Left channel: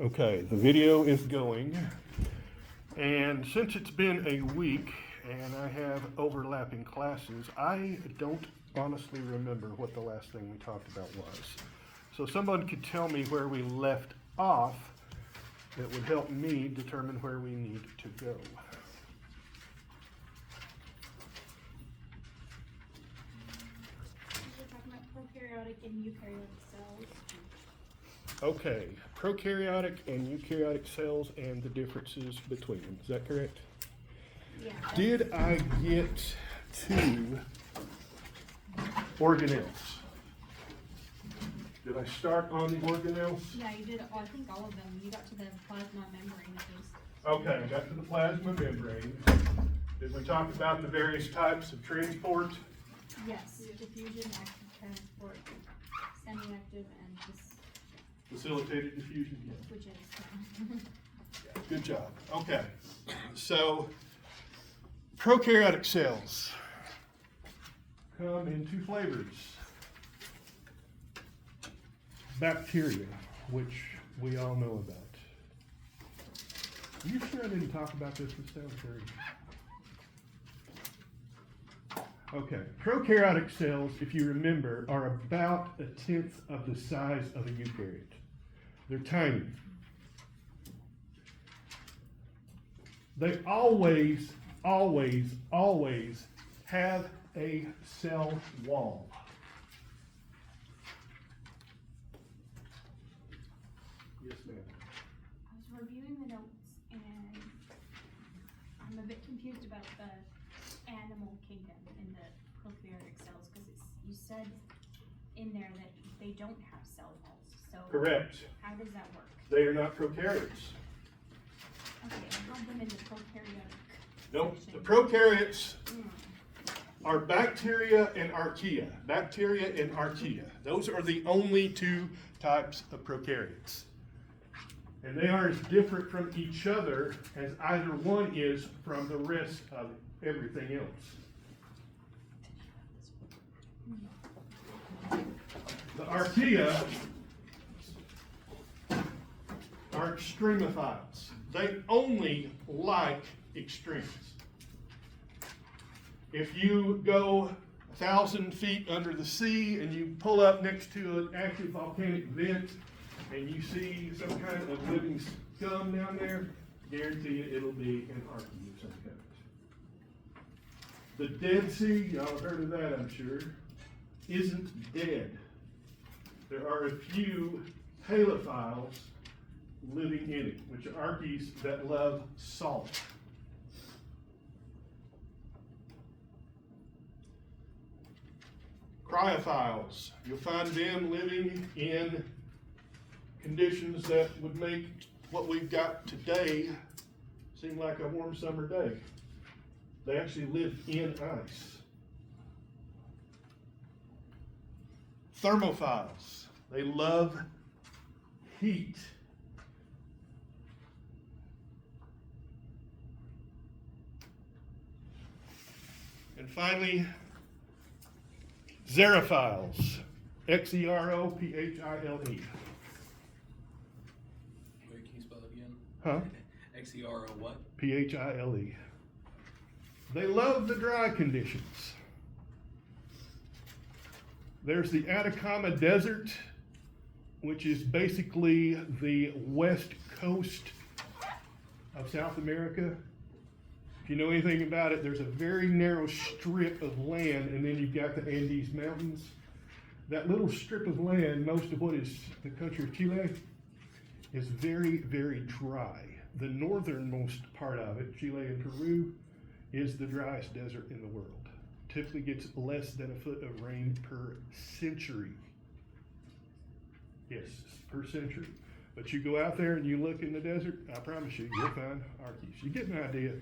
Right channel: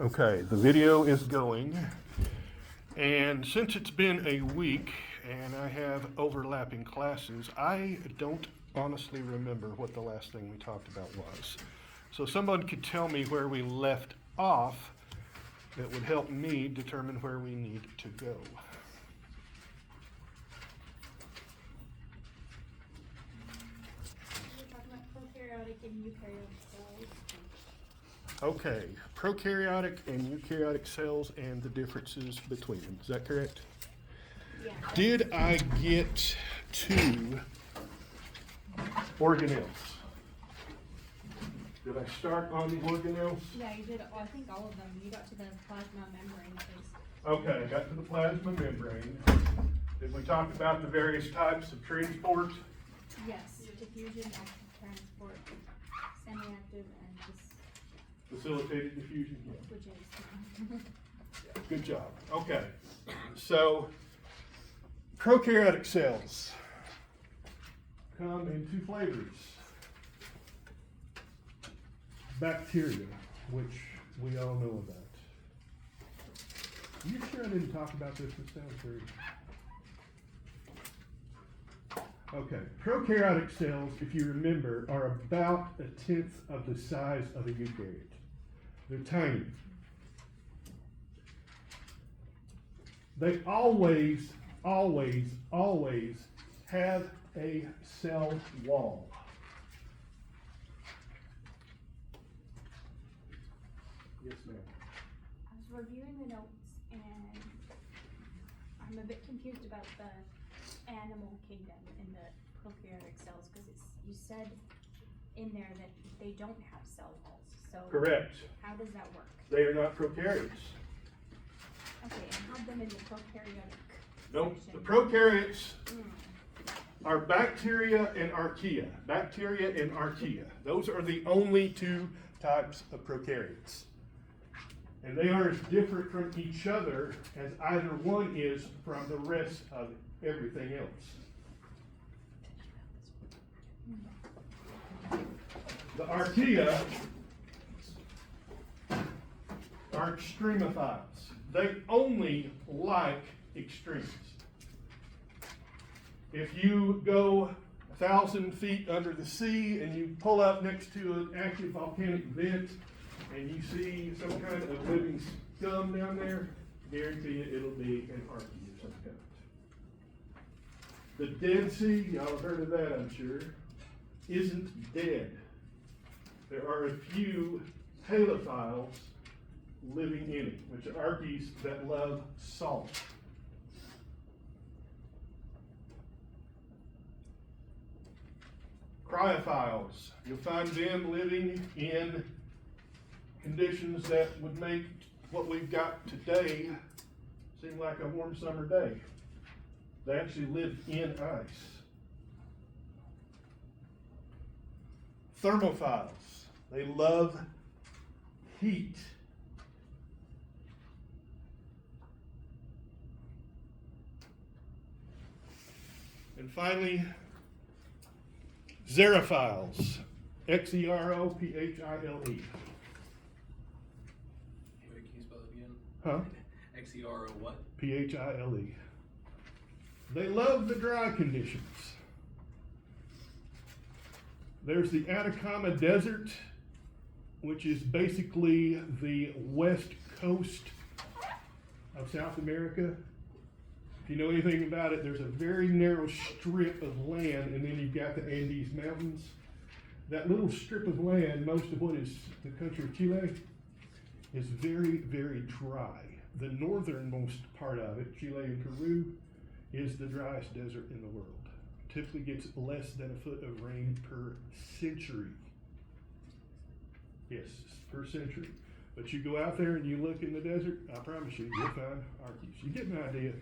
Okay, the video is going, and since it's been a week and I have overlapping classes, I don't honestly remember what the last thing we talked about was. So someone could tell me where we left off, that would help me determine where we need to go. We're talking about prokaryotic and eukaryotic cells. Okay, prokaryotic and eukaryotic cells and the differences between them. Is that correct? Yeah. Did I get to organelles? Did I start on the organelles? Yeah, you did, I think all of them. You got to the plasma membrane first. Okay, got to the plasma membrane. Did we talk about the various types of transport? Yes, diffusion, active transport, semi-active, and Facilitated diffusion? which is. Good job. Okay, so prokaryotic cells come in two flavors. Bacteria, which we all know about. You sure I didn't talk about this this time? Okay, prokaryotic cells, if you remember, are about 1/10 of the size of a eukaryote. They're tiny. They always have a cell wall. Yes, ma'am. I was reviewing the notes and I'm a bit confused about the animal kingdom in the prokaryotic cells, because you said in there that they don't have cell walls, so. Correct. How does that work? They are not prokaryotes. Okay, I have them in the prokaryotic. Nope. The section. prokaryotes Hmm. are bacteria and archaea. Bacteria and archaea. Those are the only two types of prokaryotes. And they are as different from each other as either one is from the rest of everything else. The archaea are extremophiles. They only like extremes. If you go 1,000 feet under the sea and you pull up next to an active volcanic vent and you see some kind of living scum down there, guarantee you it'll be an archaea of some kind. The Dead Sea, y'all have heard of that, I'm sure, isn't dead. There are a few halophiles living in it, which are archaeas that love salt. Cryophiles, you'll find them living in conditions that would make what we've got today seem like a warm summer day. They actually live in ice. Thermophiles, they love heat. And finally, xerophiles, Xerophiles. Wait, can you spell it again? Huh? XERO what? Phile. They love the dry conditions. There's the Atacama Desert, which is basically the west coast of South America. If you know anything about it, there's a very narrow strip of land, and then you've got the Andes Mountains. That little strip of land, most of what is the country of Chile, is very, very dry. The northernmost part of it, Chile and Peru, is the driest desert in the world. Typically gets less than a foot of rain per century. Yes, per century. But you go out there and you look in the desert, I promise you, you'll find archaeas. You get an idea.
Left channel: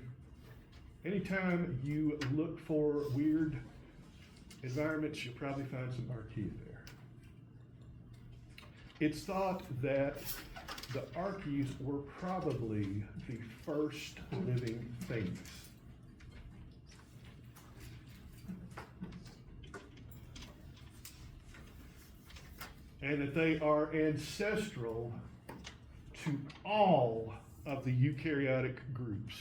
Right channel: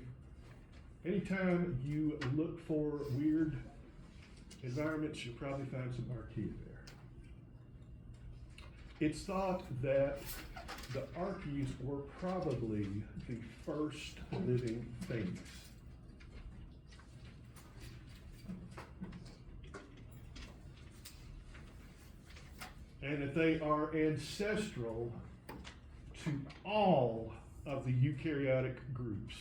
Anytime you look for weird environments, you'll probably find some archaea there. It's thought that the archaeas were probably the first living things. And that they are ancestral to all of the eukaryotic groups.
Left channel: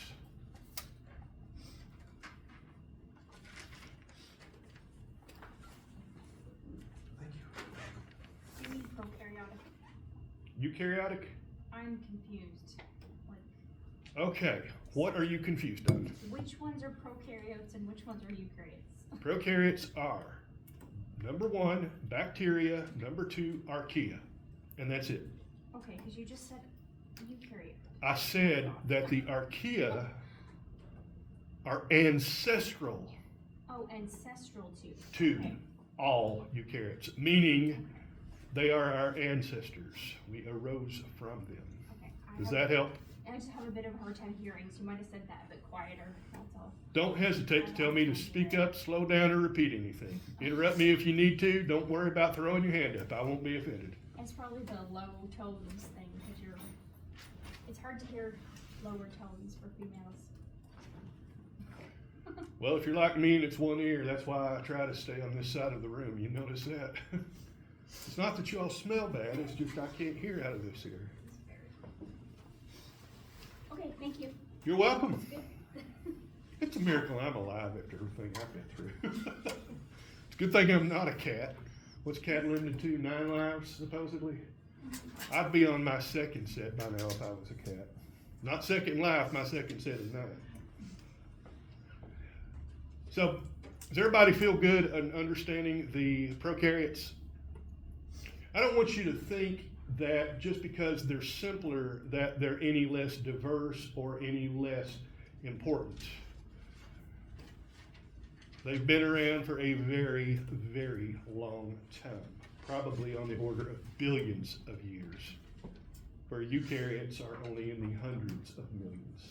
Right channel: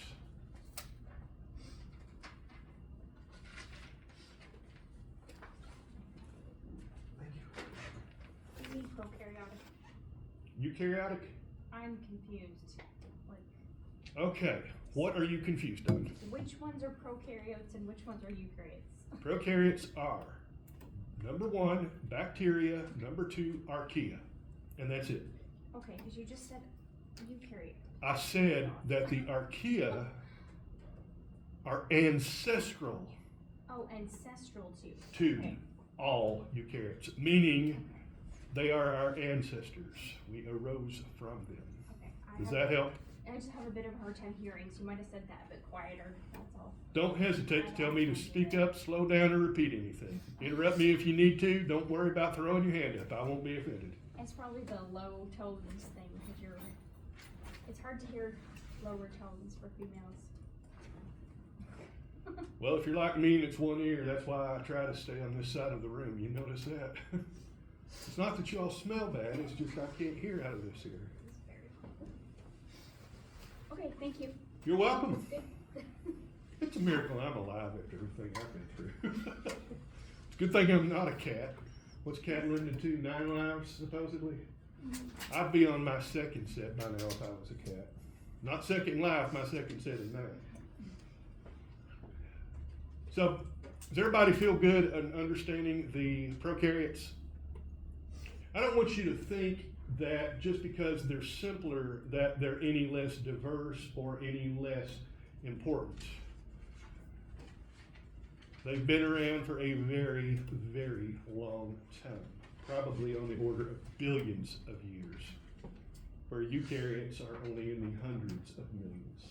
What do you mean prokaryotic? Eukaryotic? I'm confused. Like, Okay, what are you confused on? which ones are prokaryotes and which ones are eukaryotes? Prokaryotes are number 1, bacteria, number 2, archaea, and that's it. Okay, because you just said eukaryote. I said that the archaea are ancestral Oh, ancestral too. to Okay. all eukaryotes, meaning they are our ancestors. We arose from them. Okay. Does that help? I just have a bit of a hard time hearing, so you might have said that a bit quieter, that's all. Don't hesitate to tell me to speak up, slow down, or repeat anything. Interrupt me if you need to. Don't worry about throwing your hand up. I won't be offended. It's probably the low tones thing, because it's hard to hear lower tones for females. Well, if you're like me and it's one ear, that's why I try to stay on this side of the room. You notice that? It's not that you all smell bad, it's just I can't hear out of this ear. Okay, thank you. You're welcome. That's good. It's a miracle I'm alive after everything I've been through. It's a good thing I'm not a cat. What's cat learned to do? 9 lives, supposedly? I'd be on my second set by now if I was a cat. Not second life, my second set is 9. So, does everybody feel good in understanding the prokaryotes? I don't want you to think that just because they're simpler that they're any less diverse or any less important. They've been around for a very, very long time, probably on the order of billions of years, where eukaryotes are only in the hundreds of millions.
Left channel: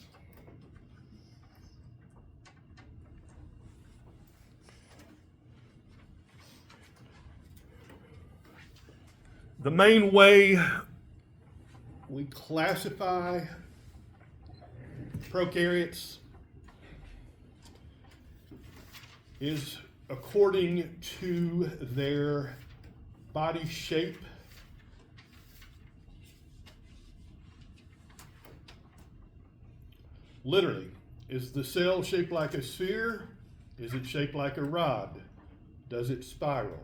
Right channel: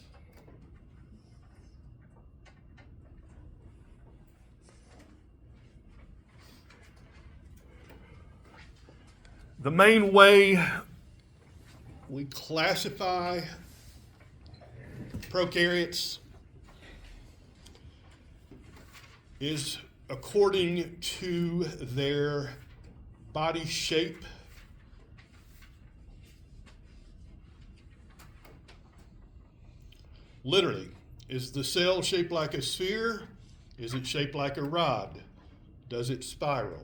The main way we classify prokaryotes is according to their body shape. Literally, is the cell shaped like a sphere? Is it shaped like a rod? Does it spiral?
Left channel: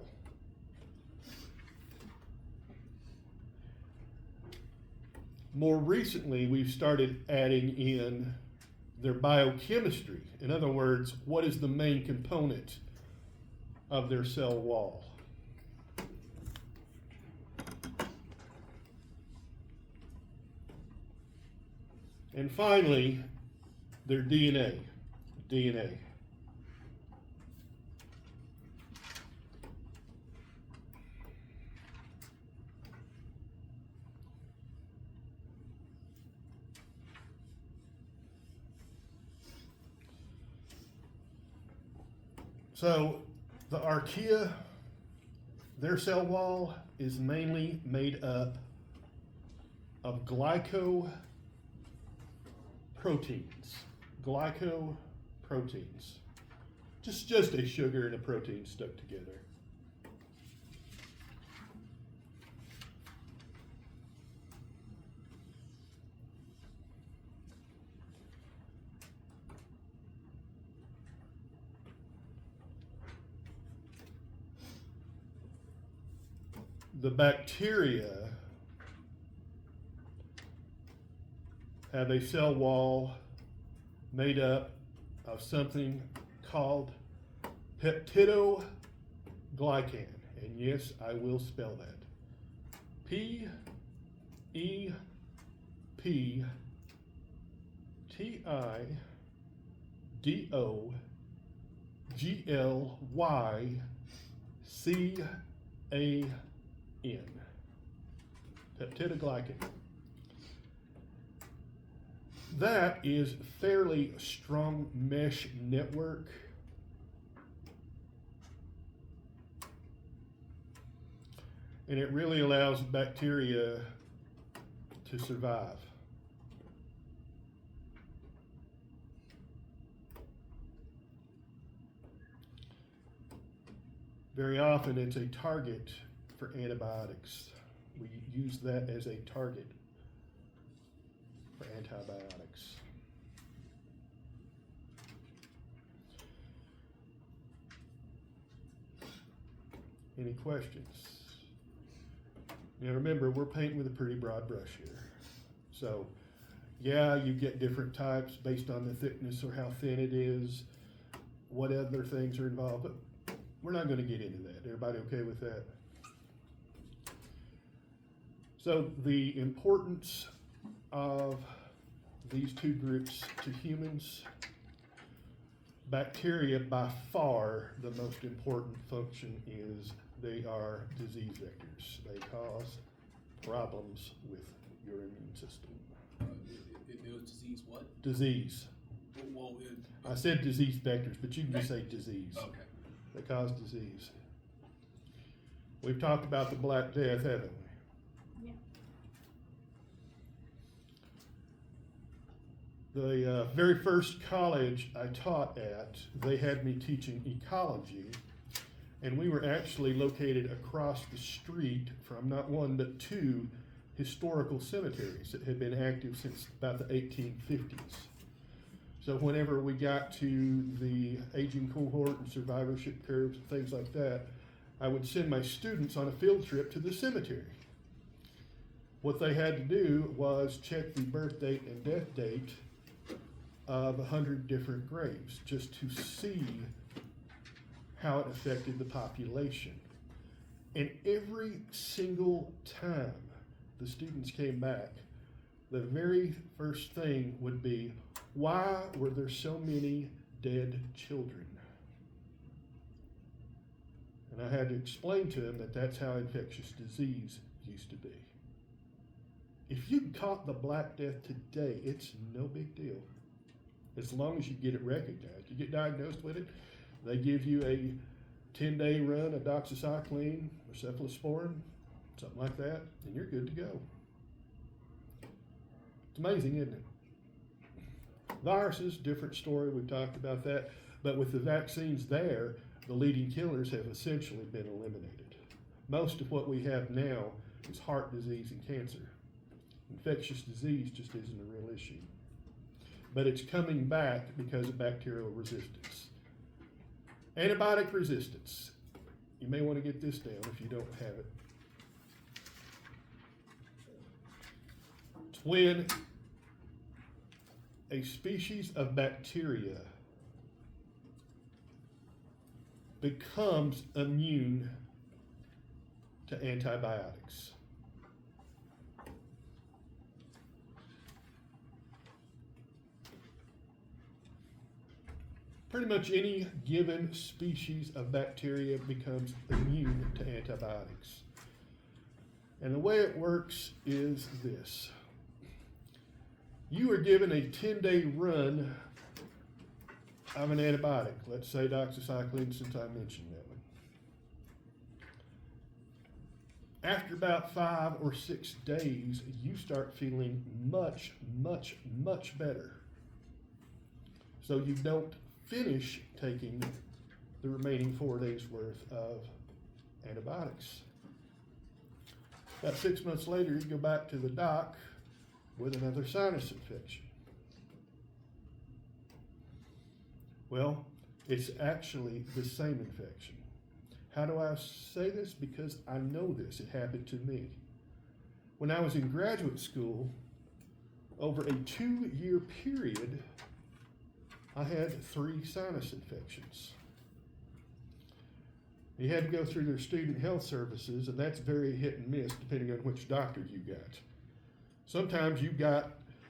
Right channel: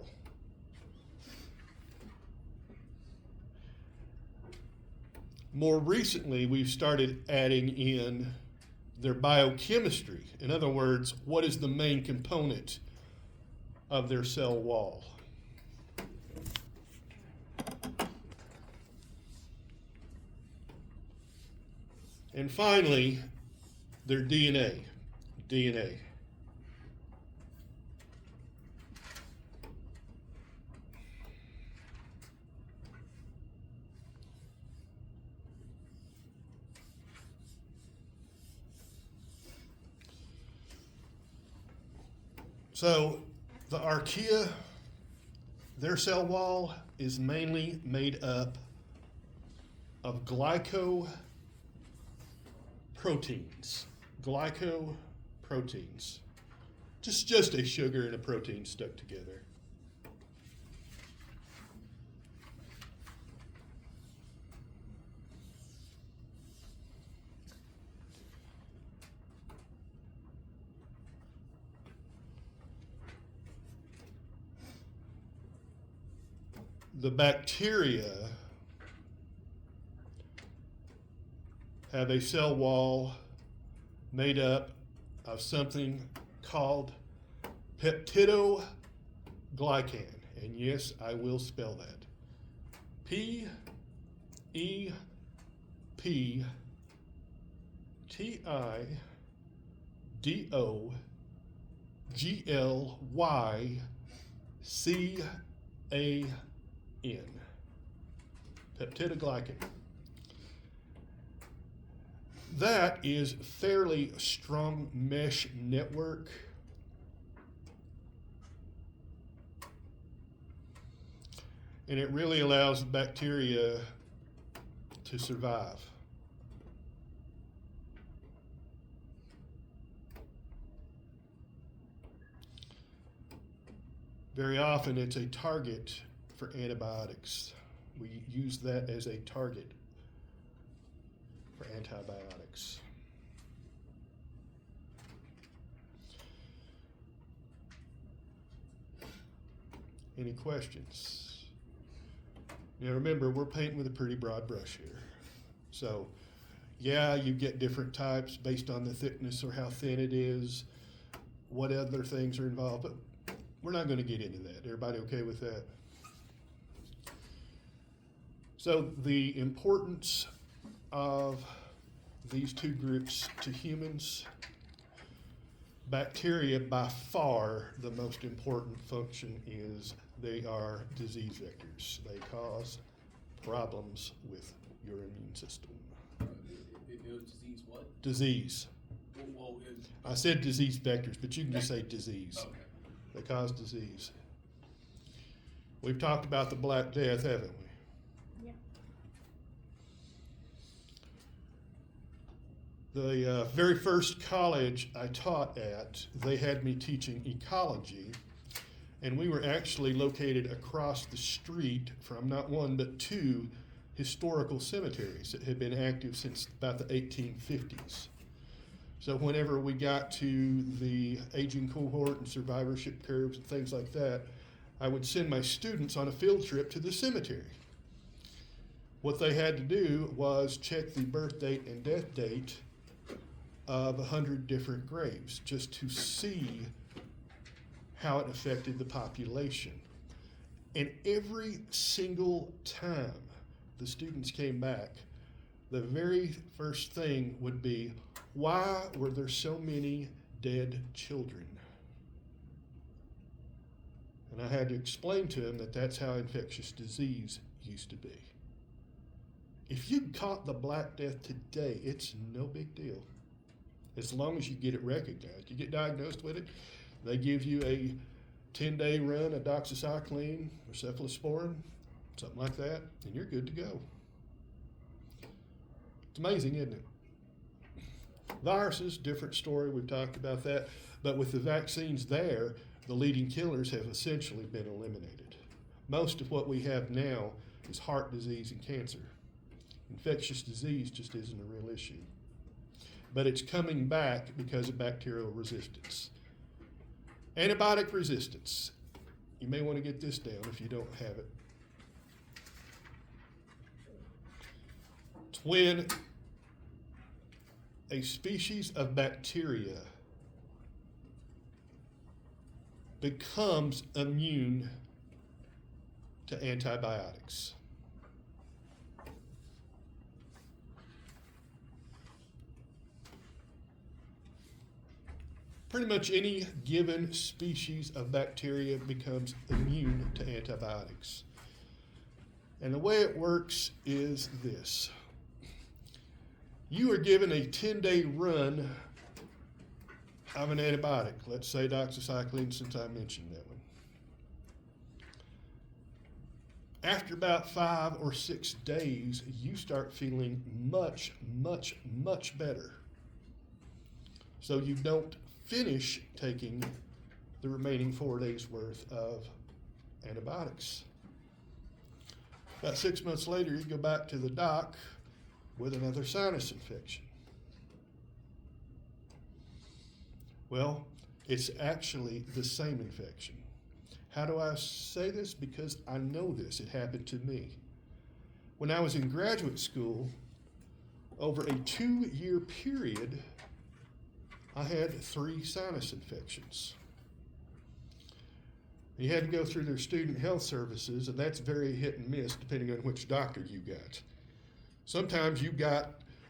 More recently, we've started adding in their biochemistry. In other words, what is the main component of their cell wall? And finally, their DNA. So the archaea, their cell wall is mainly made up of glycoproteins. Glycoproteins. Just a sugar and a protein stuck together. The bacteria have a cell wall made up of something called peptidoglycan. And yes, I will spell that. Peptidoglycan. Peptidoglycan. That is fairly strong mesh network. And it really allows bacteria to survive. Very often it's a target for antibiotics. We use that as a target for antibiotics. Any questions? Now remember, we're painting with a pretty broad brush here. So, yeah, you get different types based on the thickness or how thin it is, what other things are involved, but we're not going to get into that. Everybody okay with that? So the importance of these two groups to humans: bacteria, by far the most important function is they are disease vectors. They cause problems with your immune system. It was disease what? Disease. Well, I said disease vectors, but you can just say disease. okay. They cause disease. We've talked about the Black Death, haven't we? Yeah. The very first college I taught at, they had me teaching ecology, and we were actually located across the street from not one but two historical cemeteries that had been active since about the 1850s. So whenever we got to the aging cohort and survivorship curves and things like that, I would send my students on a field trip to the cemetery. What they had to do was check the birth date and death date of 100 different graves just to see how it affected the population. And every single time the students came back, the very first thing would be, why were there so many dead children? And I had to explain to them that that's how infectious disease used to be. If you caught the Black Death today, it's no big deal. As long as you get it recognized. You get diagnosed with it, they give you a 10-day run of doxycycline or cephalosporin, something like that, and you're good to go. It's amazing, isn't it? Viruses, different story, we've talked about that, but with the vaccines there, the leading killers have essentially been eliminated. Most of what we have now is heart disease and cancer. Infectious disease just isn't a real issue. But it's coming back because of bacterial resistance. Antibiotic resistance. You may want to get this down if you don't have it. It's when a species of bacteria becomes immune to antibiotics. Pretty much any given species of bacteria becomes immune to antibiotics. And the way it works is this. You are given a 10-day run of an antibiotic. Let's say doxycycline, since I mentioned that one. After about 5 or 6 days, you start feeling much, much, much better. So you don't finish taking the remaining 4 days worth of antibiotics. About 6 months later, you go back to the doc with another sinus infection. Well, it's actually the same infection. How do I say this? Because I know this. It happened to me. When I was in graduate school, over a 2-year period, I had 3 sinus infections. You had to go through their student health services, and that's very hit and miss depending on which doctor you got. Sometimes you got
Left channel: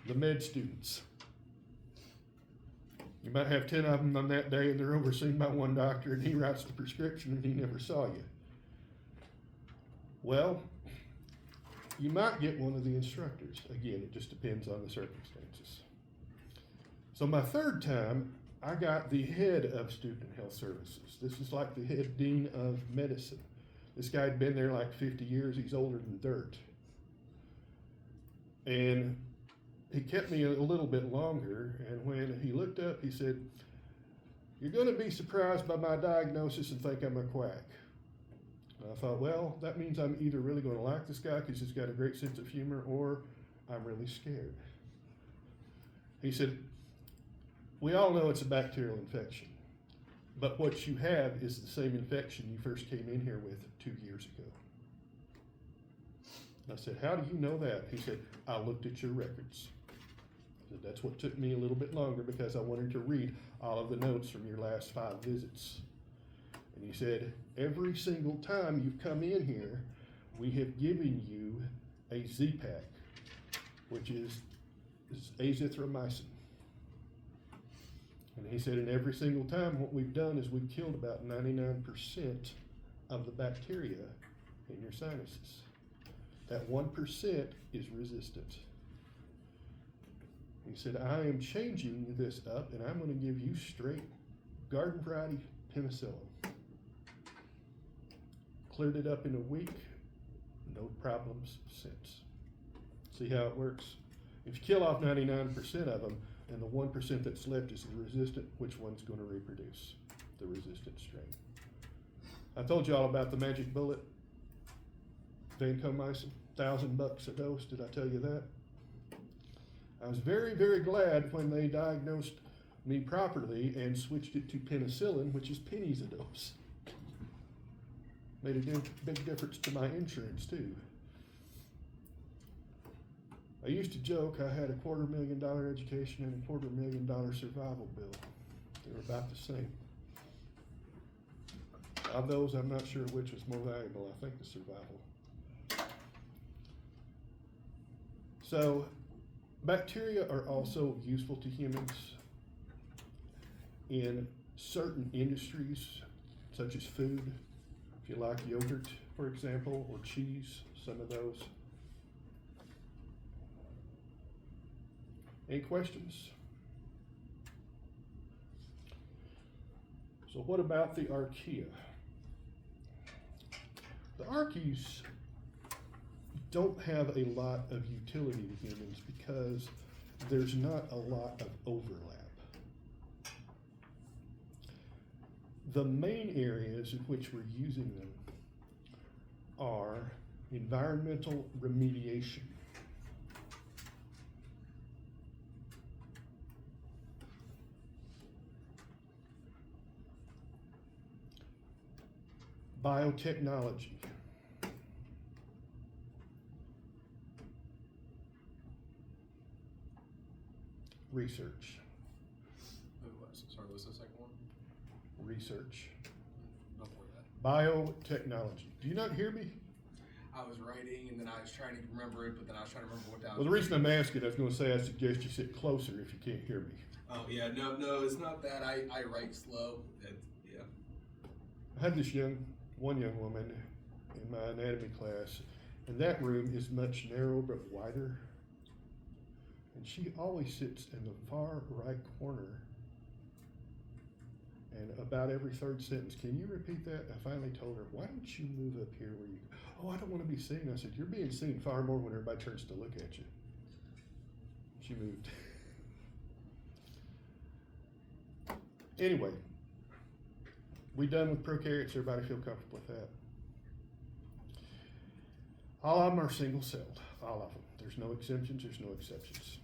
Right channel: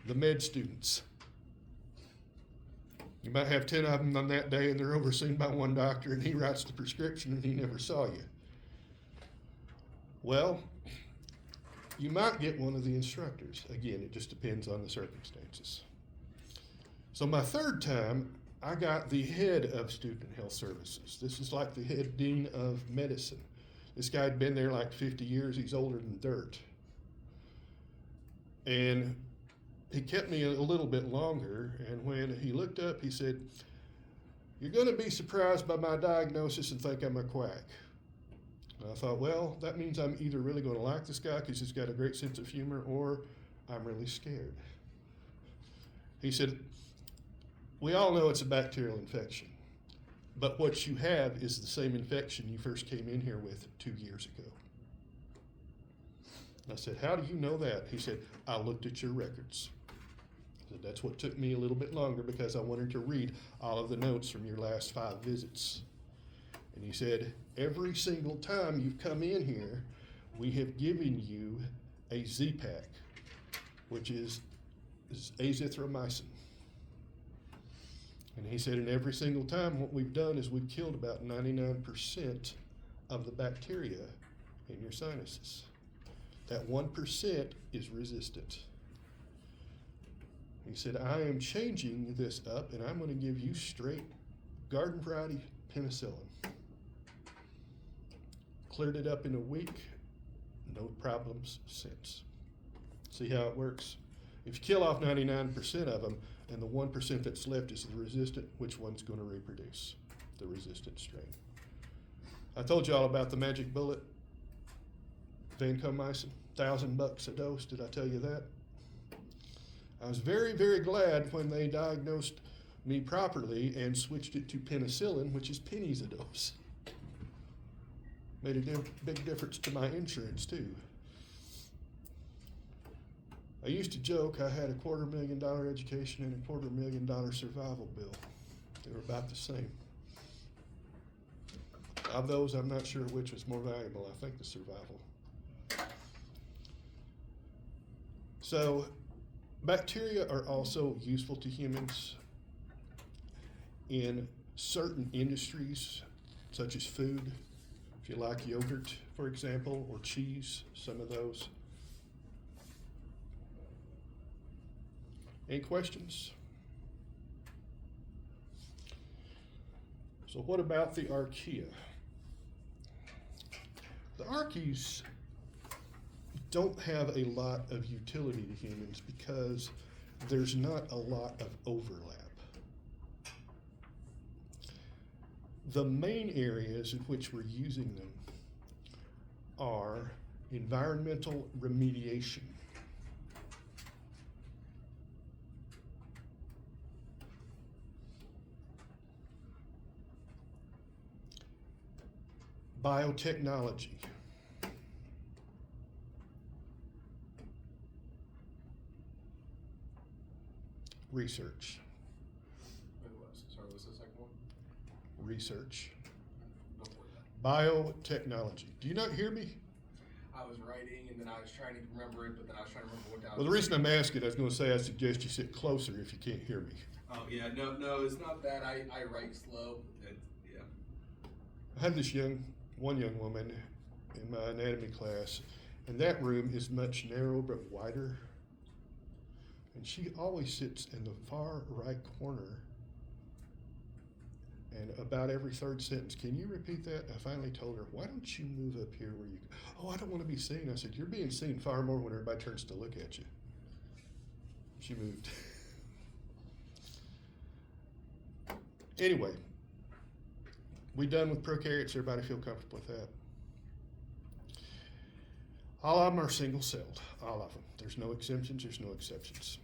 the med students. You might have 10 of them on that day, and they're overseen by one doctor, and he writes the prescription, and he never saw you. Well, you might get one of the instructors. Again, it just depends on the circumstances. So my 3rd time, I got the head of student health services. This is like the head dean of medicine. This guy had been there like 50 years. He's older than dirt. And he kept me a little bit longer, and when he looked up, he said, "You're going to be surprised by my diagnosis and think I'm a quack." And I thought, well, that means I'm either really going to like this guy because he's got a great sense of humor, or I'm really scared. He said, we all know it's a bacterial infection, but what you have is the same infection you first came in here with 2 years ago. I said, how do you know that? He said, I looked at your records. I said, that's what took me a little bit longer because I wanted to read all of the notes from your last 5 visits. And he said, every single time you've come in here, we have given you a Z-Pack, which is azithromycin. And he said, and every single time what we've done is we've killed about 99% of the bacteria in your sinuses. That 1% is resistant. He said, I am changing this up and I'm going to give you straight garden variety penicillin. Cleared it up in a week, no problems since. See how it works? If you kill off 99% of them and the 1% that's left is the resistant, which one's going to reproduce? The resistant strain. I told you all about the magic bullet. Vancomycin, $1,000 a dose. Did I tell you that? I was very, very glad when they diagnosed me properly and switched it to penicillin, which is pennies a dose. Made a big difference to my insurance too. I used to joke I had a $250,000 education and a $250,000 survival bill. They were about the same. Of those, I'm not sure which was more valuable. I think the survival. So, bacteria are also useful to humans in certain industries, such as food. If you like yogurt, for example, or cheese, some of those. Any questions? So what about the archaea? The archaeas don't have a lot of utility to humans because there's not a lot of overlap. The main areas in which we're using them are environmental remediation, biotechnology, research. Sorry, what's the second one? Research. Don't worry about it. Biotechnology. Do you not hear me? I was writing and then I was trying to remember it, but then I was trying to remember what down. Well, the reason I'm asking, I was going to say I suggest you sit closer if you can't hear me. Oh yeah, no, it's not that. I write slow. Yeah. I had this one young woman in my anatomy class, and that room is much narrower but wider. And she always sits in the far right corner. And about every third sentence, can you repeat that? I finally told her, why don't you move up here where you, oh, I don't want to be seen. I said, you're being seen far more when everybody turns to look at you. She moved. Anyway, we done with prokaryotes. Everybody feel comfortable with that? All of them are single-celled, all of them. There's no exemptions, there's no exceptions.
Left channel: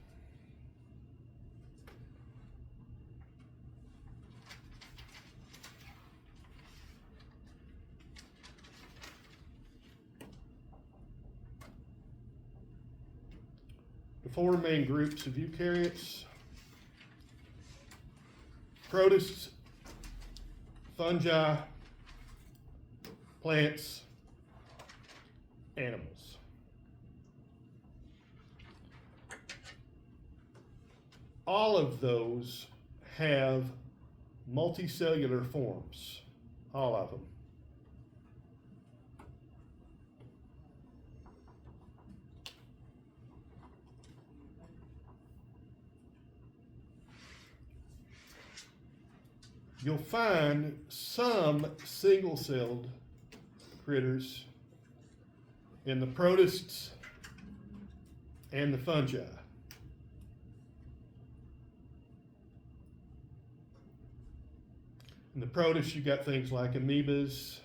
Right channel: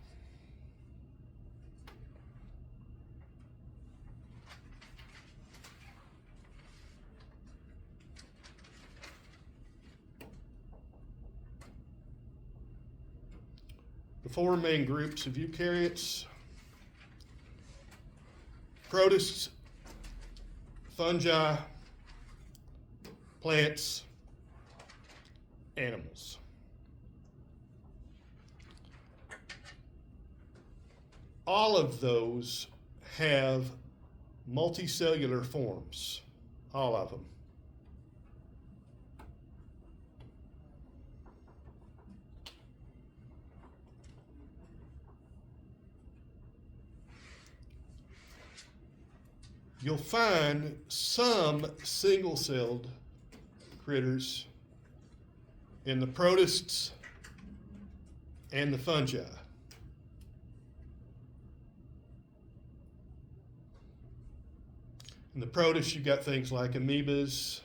The 4 main groups of eukaryotes: protists, fungi, plants, animals. All of those have multicellular forms, all of them. You'll find some single-celled critters in the protists and the fungi. In the protists, you've got things like amoebas,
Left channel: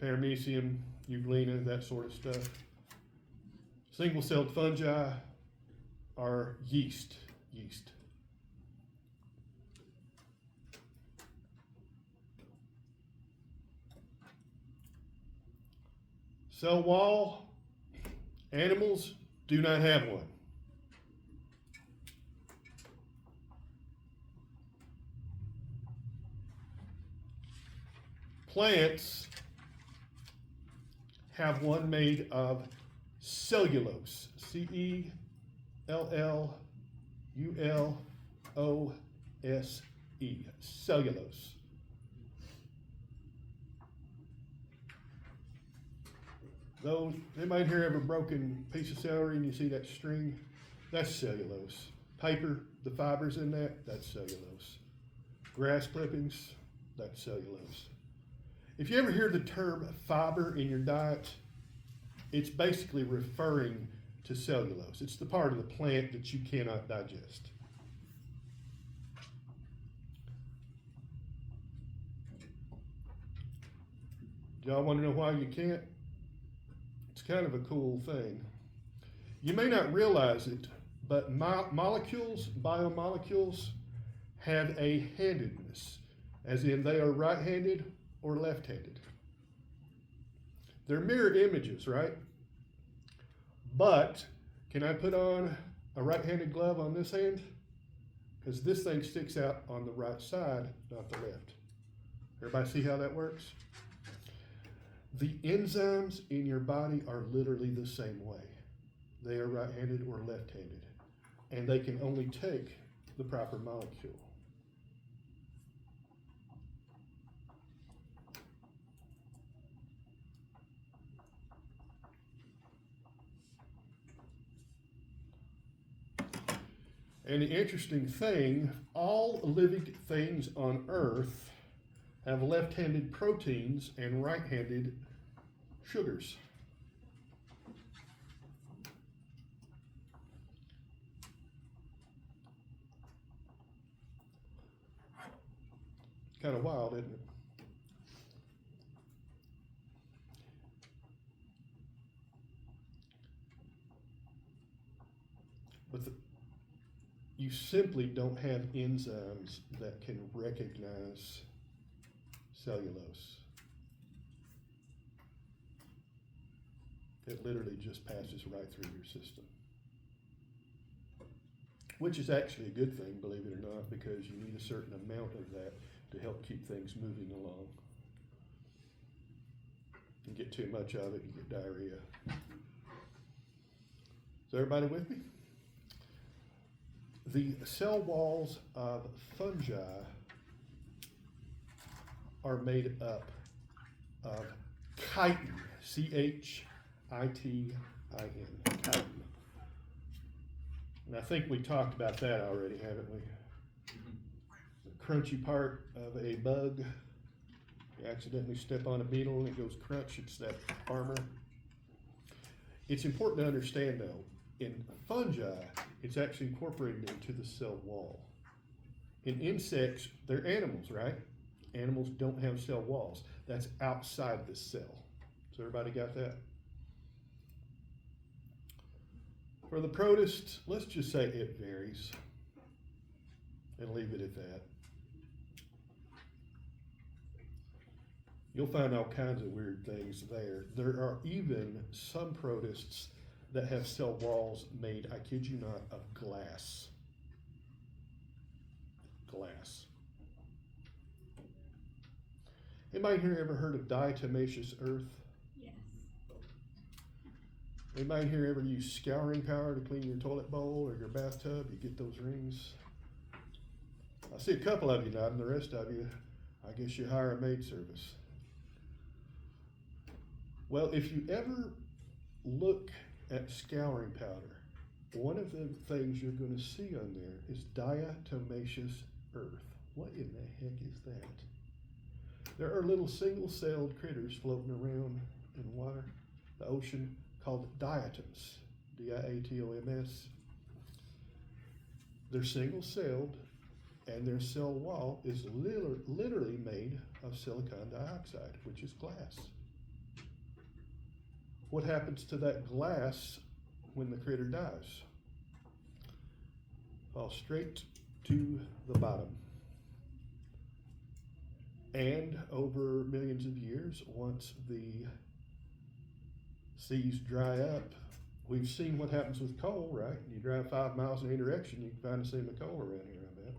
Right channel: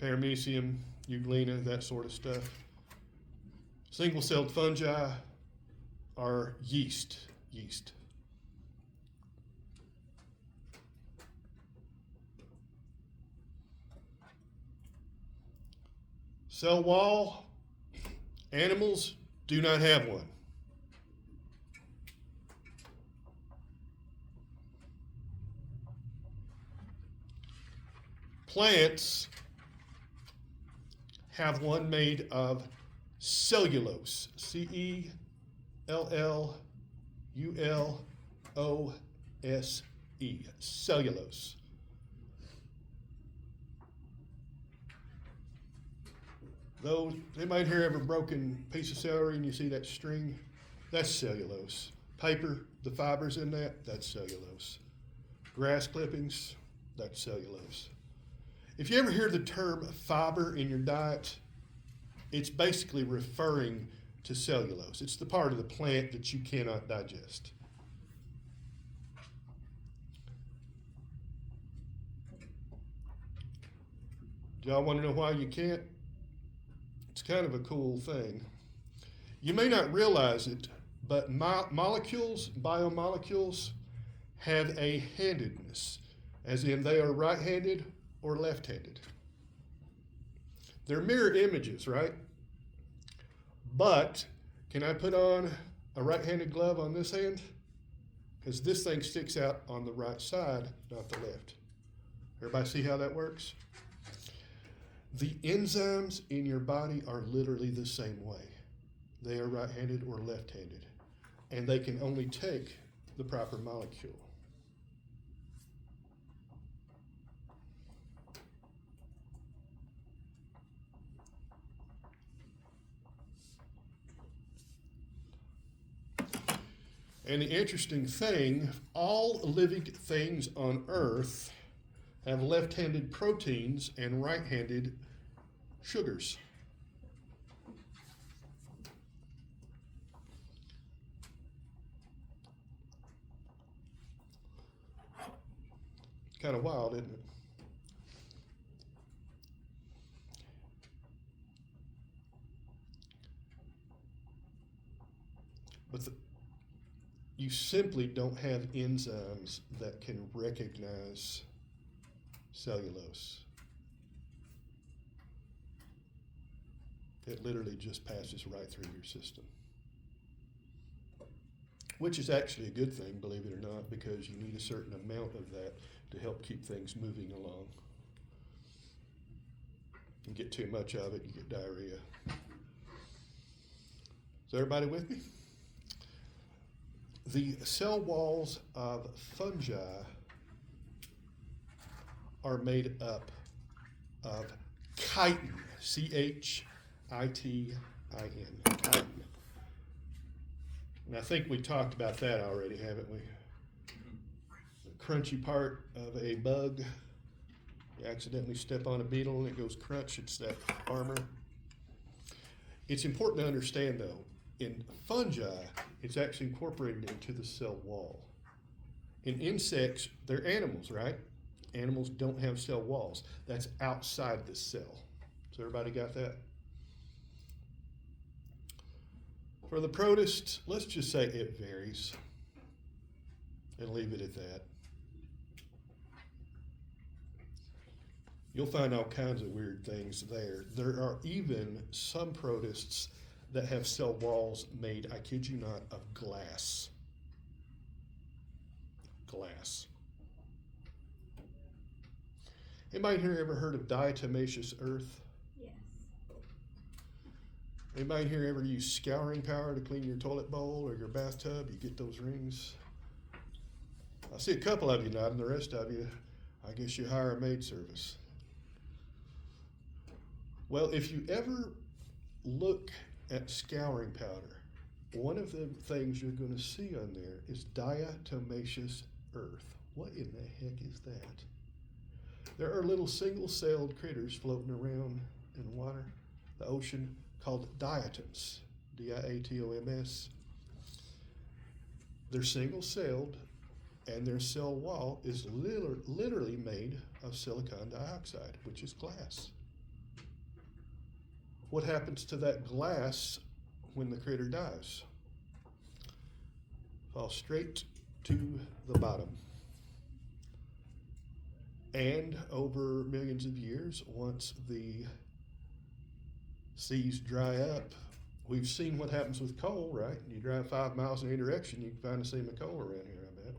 paramecium, euglena, that sort of stuff. Single-celled fungi are yeast. Cell wall, animals do not have one. Plants have one made of cellulose. C-E-L-L-U-L-O-S-E. Cellulose. Those, anybody here ever broken piece of celery and you see that string? That's cellulose. Paper, the fibers in that, that's cellulose. Grass clippings, that's cellulose. If you ever hear the term fiber in your diet, it's basically referring to cellulose. It's the part of the plant that you cannot digest. Do y'all want to know why you can't? It's kind of a cool thing. You may not realize it, but molecules, biomolecules, have a handedness, as in they are right-handed or left-handed. They're mirror images, right? But can I put on a right-handed glove on this hand? Because this thing sticks out on the right side, not the left. Everybody see how that works? The enzymes in your body are literally the same way. They are right-handed or left-handed, and they can only take the proper molecule. And the interesting thing, all living things on Earth have left-handed proteins and right-handed sugars. Kind of wild, isn't it? But you simply don't have enzymes that can recognize cellulose. It literally just passes right through your system. Which is actually a good thing, believe it or not, because you need a certain amount of that to help keep things moving along. You get too much of it, you get diarrhea. Is everybody with me? The cell walls of fungi are made up of chitin, C-H-I-T-I-N, chitin. And I think we talked about that already, haven't we? The crunchy part of a bug. You accidentally step on a beetle and it goes crunch, it's that armor. It's important to understand though, in fungi, it's actually incorporated into the cell wall. In insects, they're animals, right? Animals don't have cell walls. That's outside the cell. So everybody got that? For the protists, let's just say it varies and leave it at that. You'll find all kinds of weird things there. There are even some protists that have cell walls made, I kid you not, of glass. Glass. Anybody here ever heard of diatomaceous earth? Yes. Anybody here ever use scouring power to clean your toilet bowl or your bathtub? You get those rings? I see a couple of you nodding, the rest of you, I guess you hire a maid service. Well, if you ever look at scouring powder, one of the things you're going to see on there is diatomaceous earth. What in the heck is that? There are little single-celled critters floating around in water, the ocean, called diatoms, D-I-A-T-O-M-S. They're single-celled, and their cell wall is literally made of silicon dioxide, which is glass. What happens to that glass when the critter dies? Falls straight to the bottom. And over millions of years, once the seas dry up, we've seen what happens with coal, right? You drive 5 miles in any direction, you can find a seam of coal around here, I bet.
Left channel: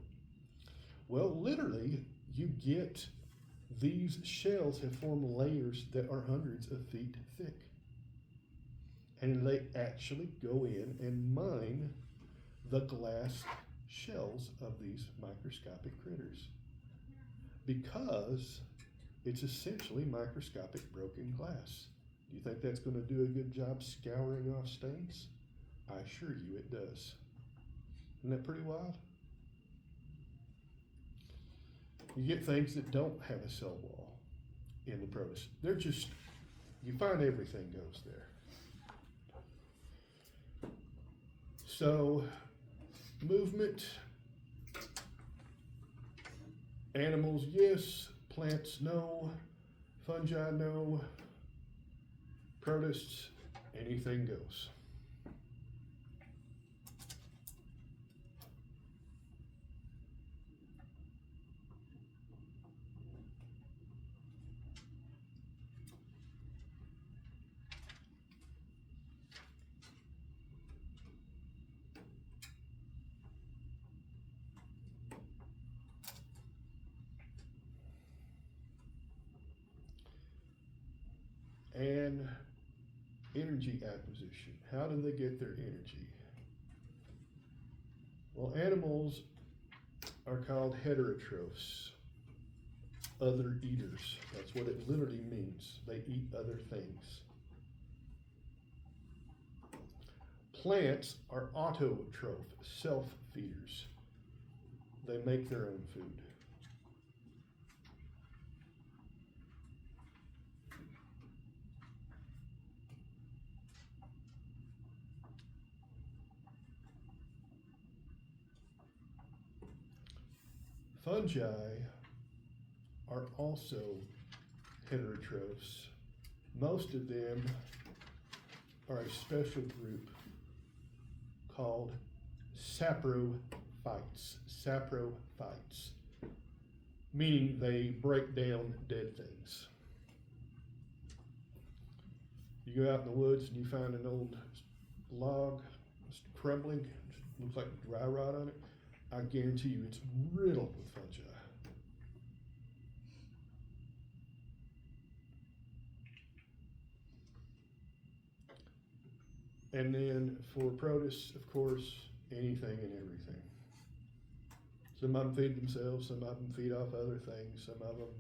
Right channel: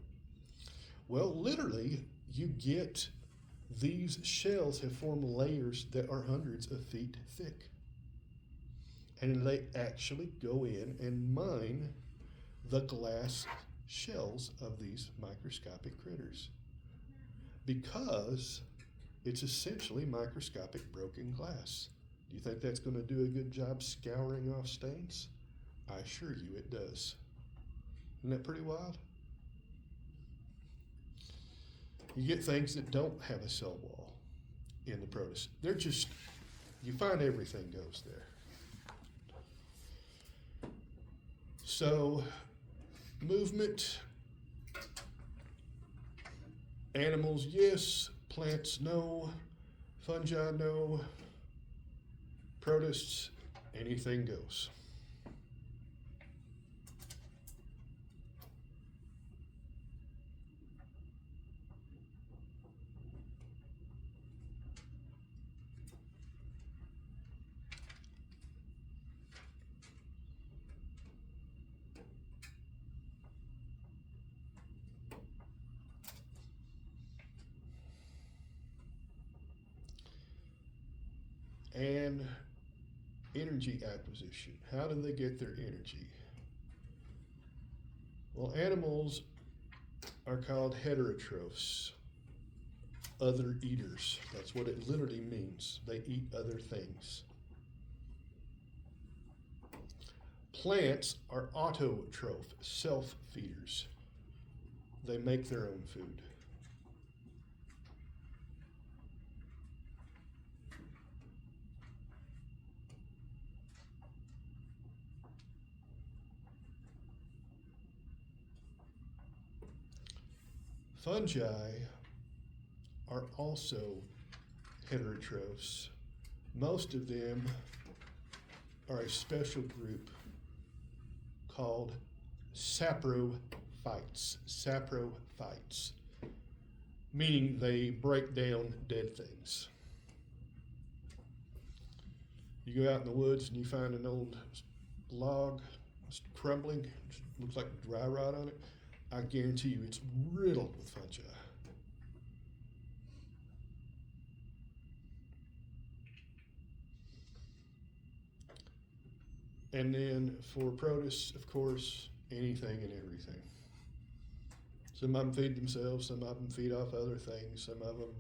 Well, literally, you get these shells have formed layers that are hundreds of feet thick. And they actually go in and mine the glass shells of these microscopic critters, because it's essentially microscopic broken glass. Do you think that's going to do a good job scouring off stains? I assure you it does. Isn't that pretty wild? You get things that don't have a cell wall in the protist. They're just, you find everything goes there. So, movement, animals, yes. Plants, no. Fungi, no. Protists, anything goes. And energy acquisition. How do they get their energy? Well, animals are called heterotrophs, other eaters. That's what it literally means. They eat other things. Plants are autotroph, self-feeders. They make their own food. Fungi are also heterotrophs. Most of them are a special group called saprophytes. Saprophytes, meaning they break down dead things. You go out in the woods and you find an old log, it's crumbling, looks like dry rot on it. I guarantee you it's riddled with fungi. And then for protists, of course, anything and everything. Some of them feed themselves, some of them feed off other things, some of them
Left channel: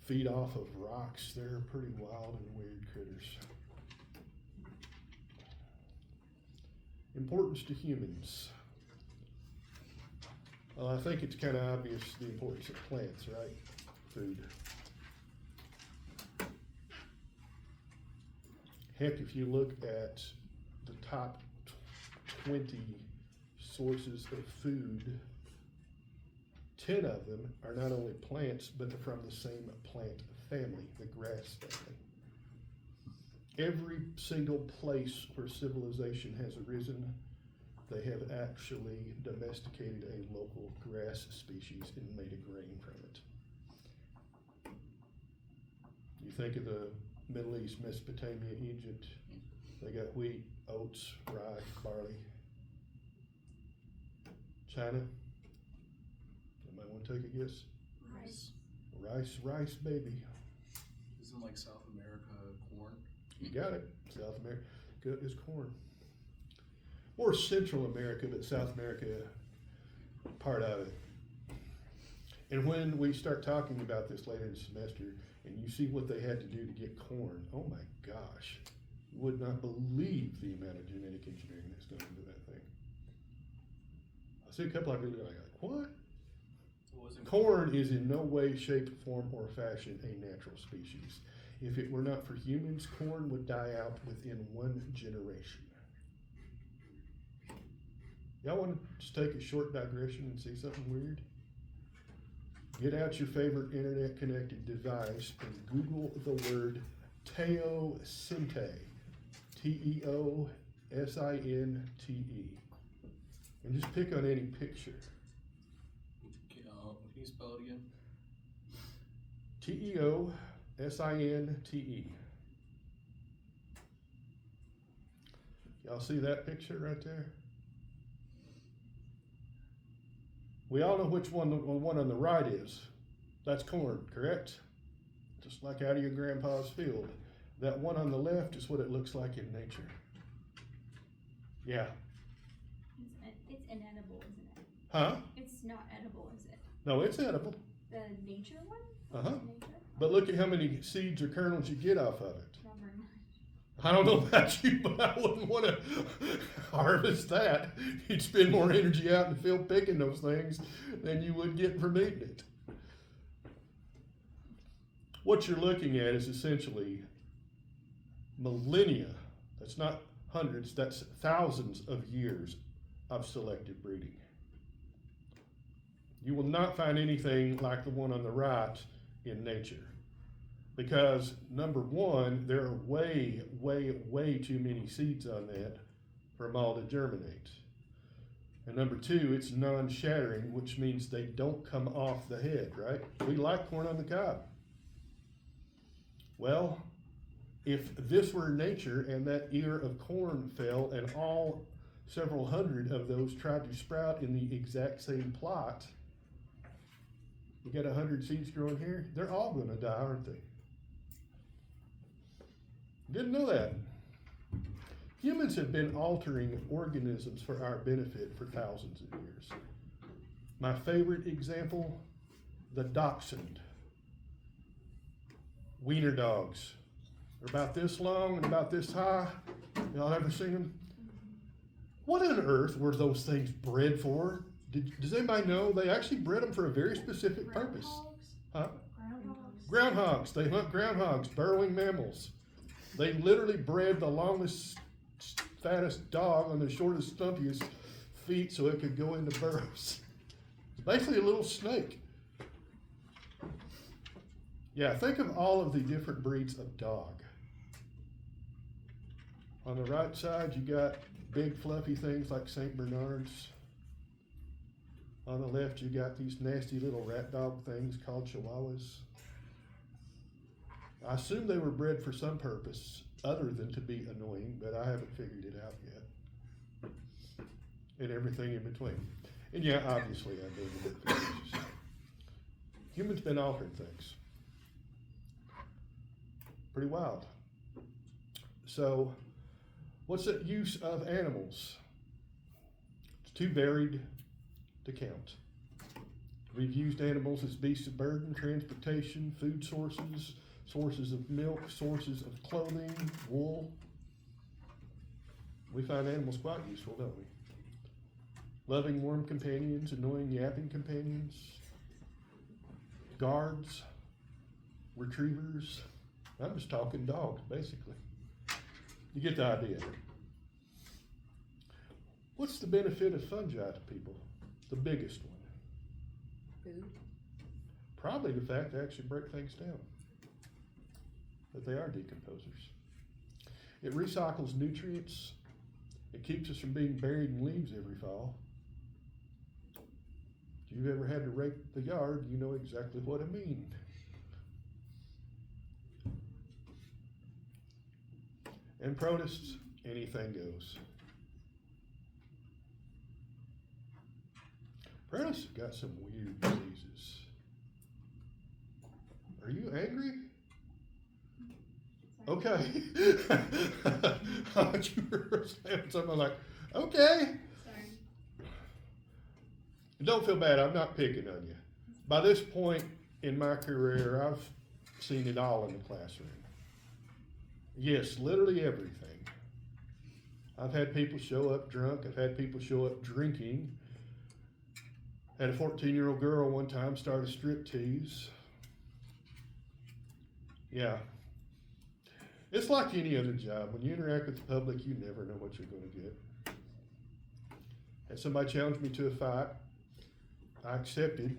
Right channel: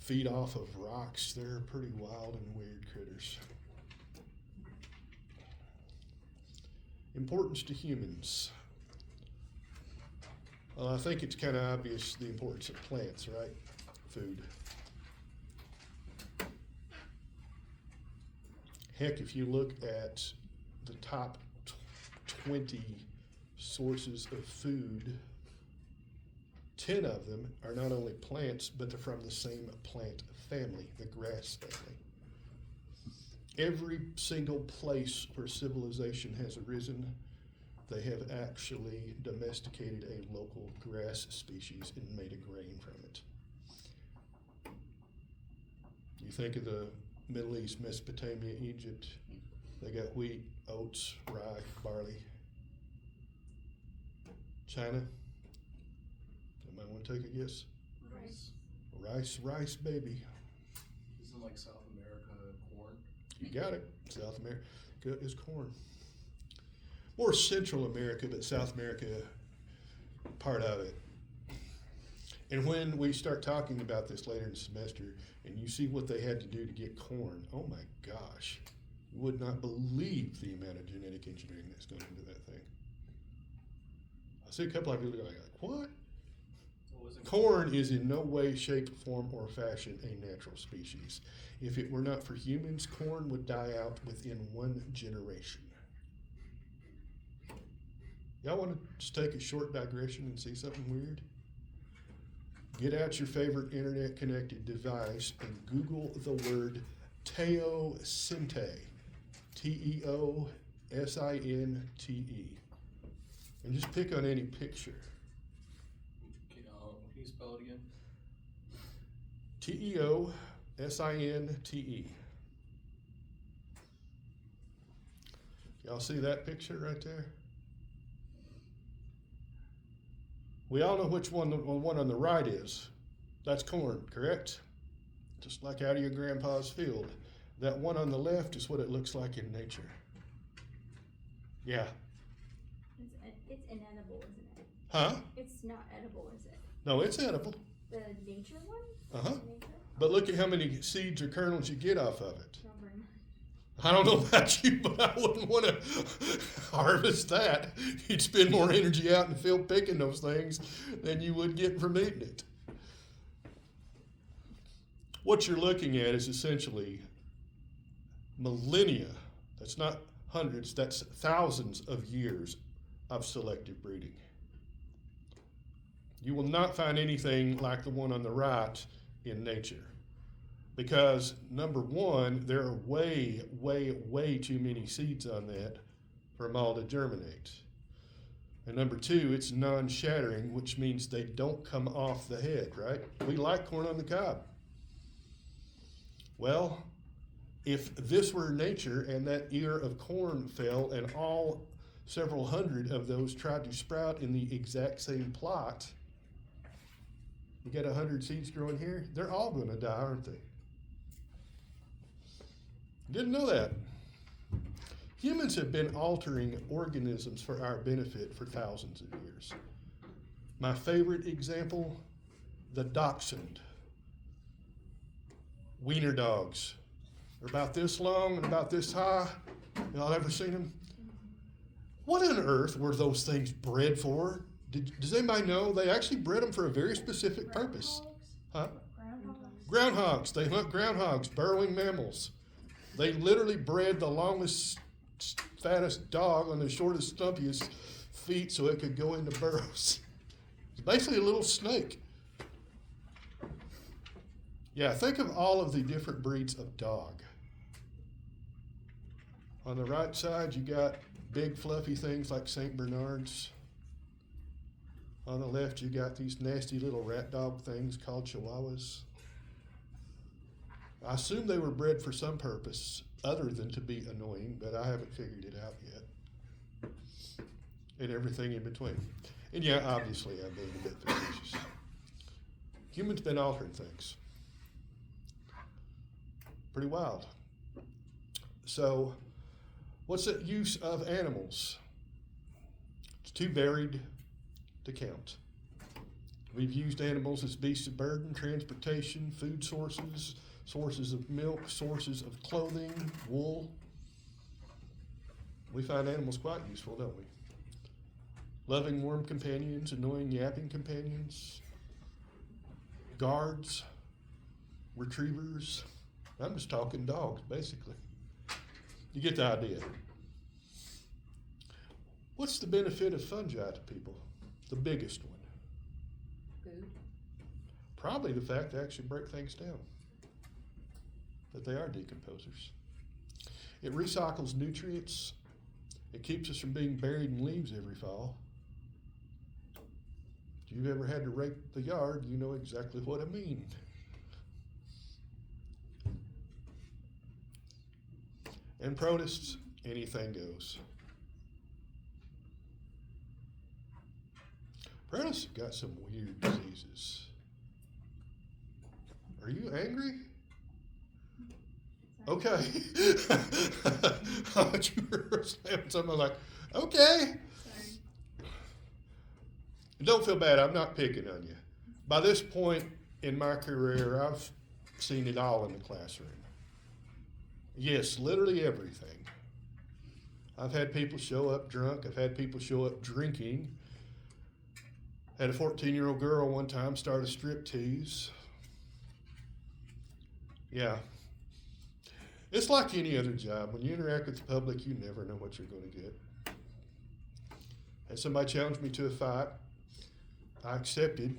feed off of rocks. They're pretty wild and weird critters. Importance to humans. I think it's kind of obvious the importance of plants, right? Food. Heck, if you look at the top 20 sources of food, 10 of them are not only plants, but they're from the same plant family, the grass family. Every single place where civilization has arisen, they have actually domesticated a local grass species and made a grain from it. You think of the Middle East, Mesopotamia, Egypt, they got wheat, oats, rye, barley. China, somebody want to take a guess? Rice, baby. Isn't like South America corn? You got it. South America is corn. Or Central America, but South America, part of it. And when we start talking about this later in the semester, and you see what they had to do to get corn, oh my gosh, you would not believe the amount of genetic engineering that's going into that thing. I see a couple of people like, what? Corn is in no way, shape, form, or fashion a natural species. If it were not for humans, corn would die out within 1 generation. Y'all want to just take a short digression and see something weird? Get out your favorite internet-connected device and Google the word teosinte. Teosinte. And just pick on any picture. Can you spell it again? Teosinte. Y'all see that picture right there? We all know which one the one on the right is. That's corn, correct? Just like out of your grandpa's field. That one on the left is what it looks like in nature. Yeah. It's inedible, isn't it? Huh? It's not edible, is it? No, it's edible. The nature one? Uh-huh. Nature? But look at how many seeds or kernels you get off of it. Number 9. I don't know about you, but I wouldn't want to harvest that. You'd spend more energy out in the field picking those things than you would getting from eating it. What you're looking at is essentially millennia. That's not hundreds, that's thousands of years of selective breeding. You will not find anything like the one on the right in nature. Because number one, there are way, way, way too many seeds on that for them all to germinate. And number two, it's non-shattering, which means they don't come off the head, right? We like corn on the cob. Well, if this were nature and that ear of corn fell and all several hundred of those tried to sprout in the exact same plot, you got 100 seeds growing here, they're all going to die, aren't they? Didn't know that. Humans have been altering organisms for our benefit for thousands of years. My favorite example, the dachshund. Wiener dogs. They're about this long and about this high. Y'all ever seen them? What on earth were those things bred for? Does anybody know? They actually bred them for a very specific purpose. Huh? Groundhogs. They hunt groundhogs, burrowing mammals. They literally bred the longest, fattest dog on the shortest, stumpiest feet so it could go into burrows. It's basically a little snake. Yeah, think of all of the different breeds of dog. On the right side, you got big fluffy things like St. Bernards. On the left, you got these nasty little rat dog things called Chihuahuas. I assume they were bred for some purpose other than to be annoying, but I haven't figured it out yet. And everything in between. And yeah, obviously I'm being a bit facetious. Humans been altering things. Pretty wild. So, what's the use of animals? It's too varied to count. We've used animals as beasts of burden, transportation, food sources, sources of milk, sources of clothing, wool. We find animals quite useful, don't we? Loving, warm companions, annoying, yapping companions, guards, retrievers. I'm just talking dogs, basically. You get the idea. What's the benefit of fungi to people? The biggest one. Food. Probably the fact they actually break things down. That they are decomposers. It recycles nutrients. It keeps us from being buried in leaves every fall. If you've ever had to rake the yard, you know exactly what I mean. And protists, anything goes. Protists have got some weird diseases. Are you angry? Okay. I thought you were saying something like, okay. Sorry. Don't feel bad, I'm not picking on you. By this point in my career, I've seen it all in the classroom. Yes, literally everything. I've had people show up drunk, I've had people show up drinking. Had a 14-year-old girl one time start a strip tease. Yeah. It's like any other job. When you interact with the public, you never know what you're going to get. Had somebody challenge me to a fight. I accepted.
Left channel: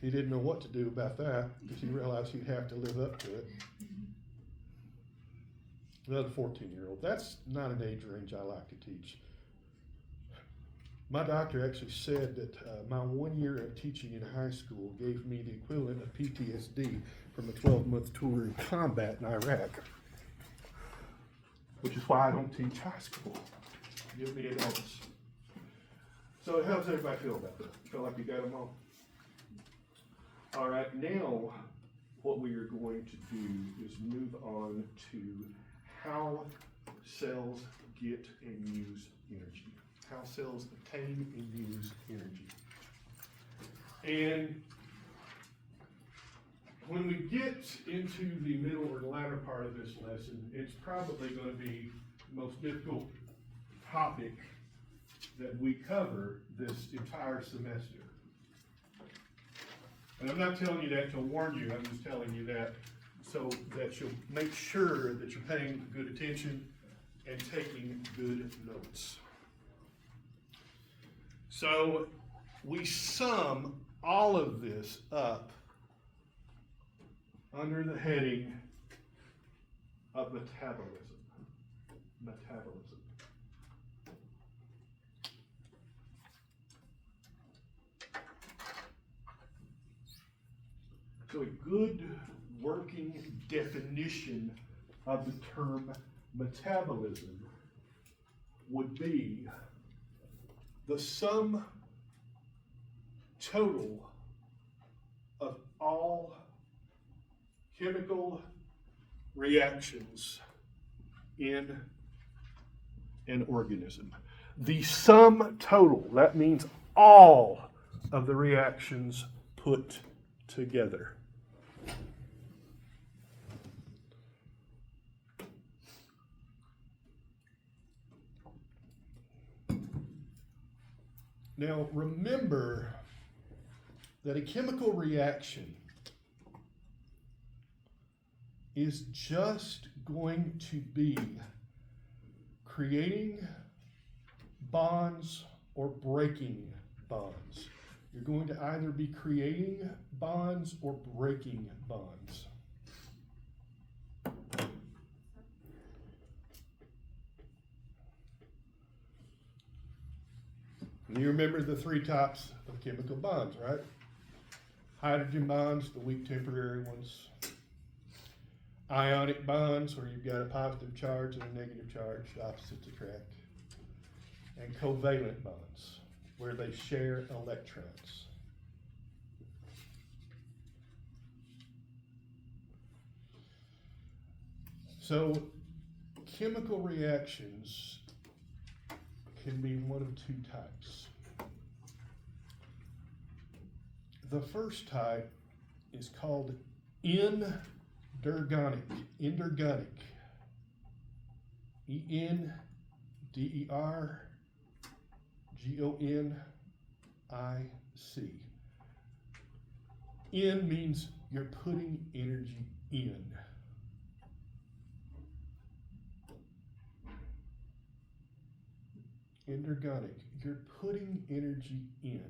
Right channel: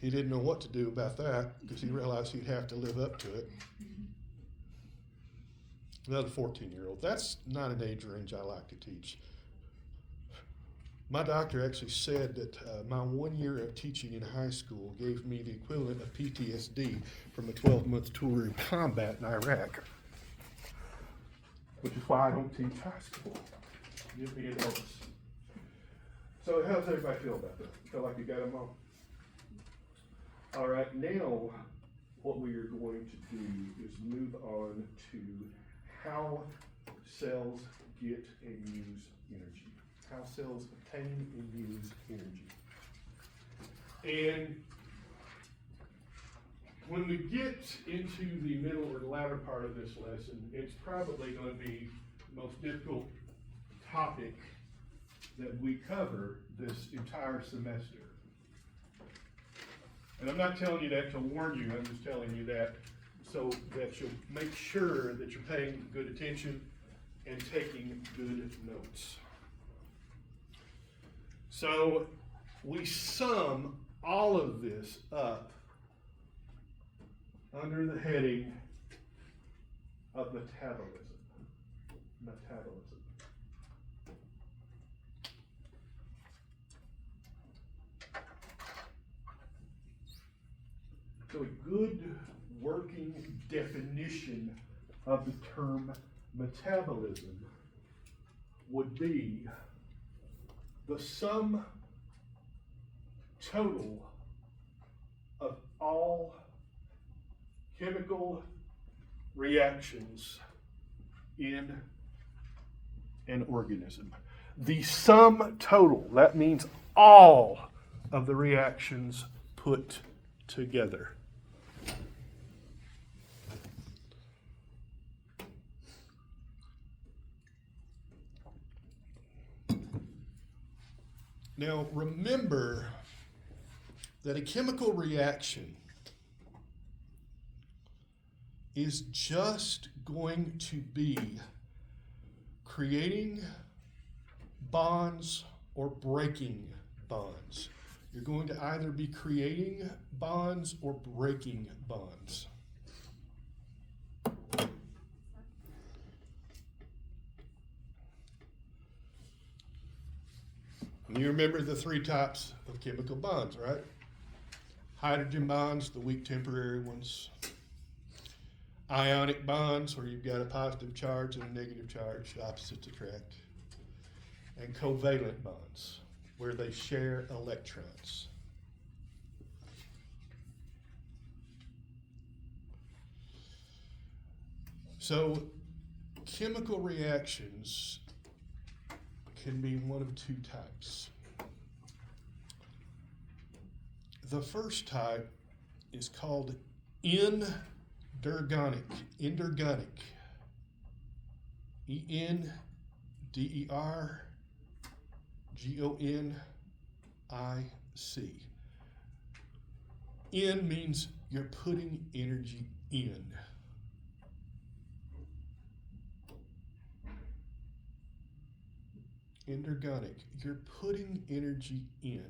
He didn't know what to do about that because he realized he'd have to live up to it. Another 14-year-old. That's not an age range I like to teach. My doctor actually said that my 1 year of teaching in high school gave me the equivalent of PTSD from a 12-month tour in combat in Iraq, which is why I don't teach high school. Give me adults. So how's everybody feel about that? Feel like you got them all? All right, now what we are going to do is move on to how cells get and use energy. How cells obtain and use energy. And when we get into the middle or the latter part of this lesson, it's probably going to be the most difficult topic that we cover this entire semester. And I'm not telling you that to warn you, I'm just telling you that so that you'll make sure that you're paying good attention and taking good notes. So we sum all of this up under the heading of metabolism. Metabolism. So a good working definition of the term metabolism would be the sum total of all chemical reactions in an organism. The sum total, that means all of the reactions put together. Now remember that a chemical reaction is just going to be creating bonds or breaking bonds. You're going to either be creating bonds or breaking bonds. You remember the three types of chemical bonds, right? Hydrogen bonds, the weak temporary ones. Ionic bonds, where you've got a positive charge and a negative charge, opposites attract. And covalent bonds, where they share electrons. So, chemical reactions can be one of two types. The first type is called endergonic. Endergonic. E-N-D-E-R-G-O-N-I-C. En means you're putting energy in. Endergonic, you're putting energy in.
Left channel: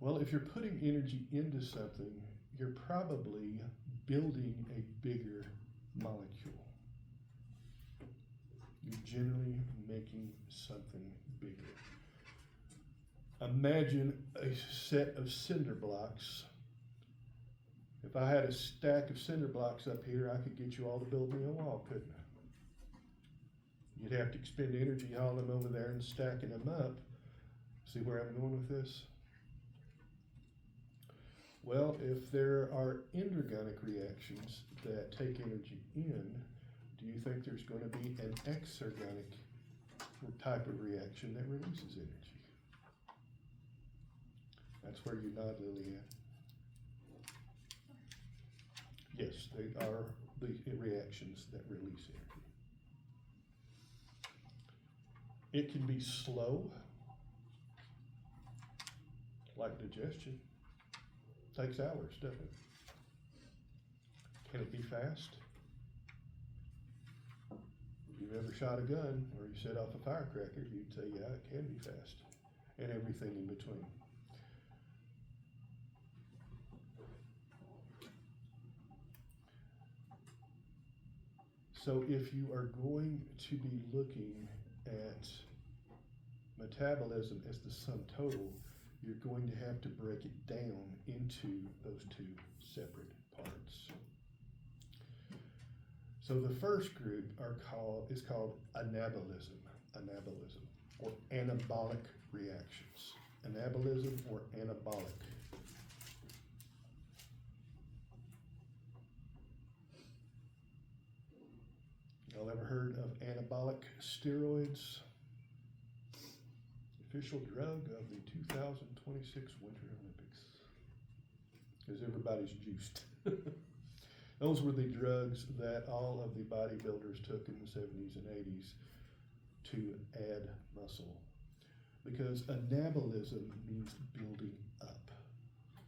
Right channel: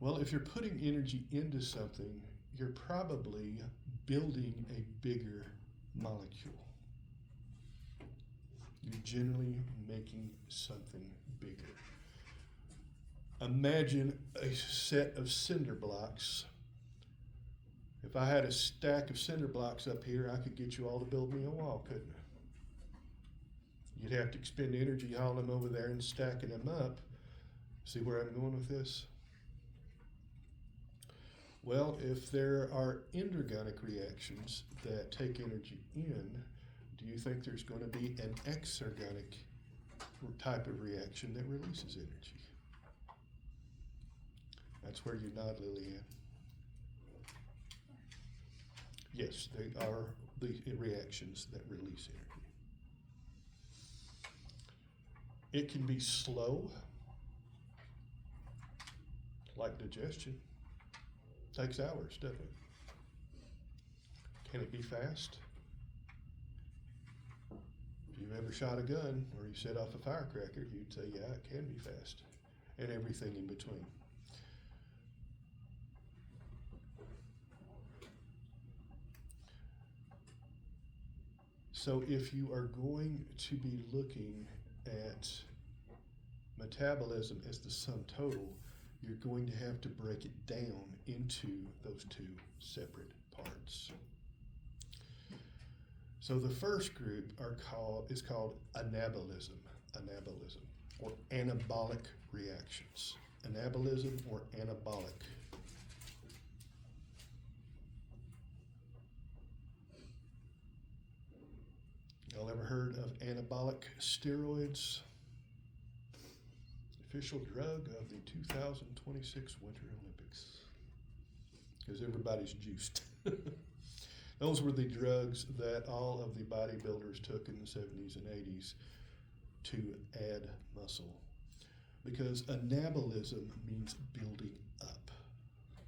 Well, if you're putting energy into something, you're probably building a bigger molecule. You're generally making something bigger. Imagine a set of cinder blocks. If I had a stack of cinder blocks up here, I could get you all to build me a wall, couldn't I? You'd have to expend energy hauling them over there and stacking them up. See where I'm going with this? Well, if there are endergonic reactions that take energy in, do you think there's going to be an exergonic type of reaction that releases energy? That's where you nod, Lillian. Yes, they are the reactions that release energy. It can be slow, like digestion. Takes hours, doesn't it? Can it be fast? If you've ever shot a gun or you set off a firecracker, you'd say, yeah, it can be fast. And everything in between. So if you are going to be looking at metabolism as the sum total, you're going to have to break it down into those two separate parts. So the first group is called anabolism, or anabolic reactions. Anabolism or anabolic. Y'all ever heard of anabolic steroids? Official drug of the 2026 Winter Olympics. Because everybody's juiced. Those were the drugs that all of the bodybuilders took in the 70s and 80s to add muscle. Because anabolism means building up.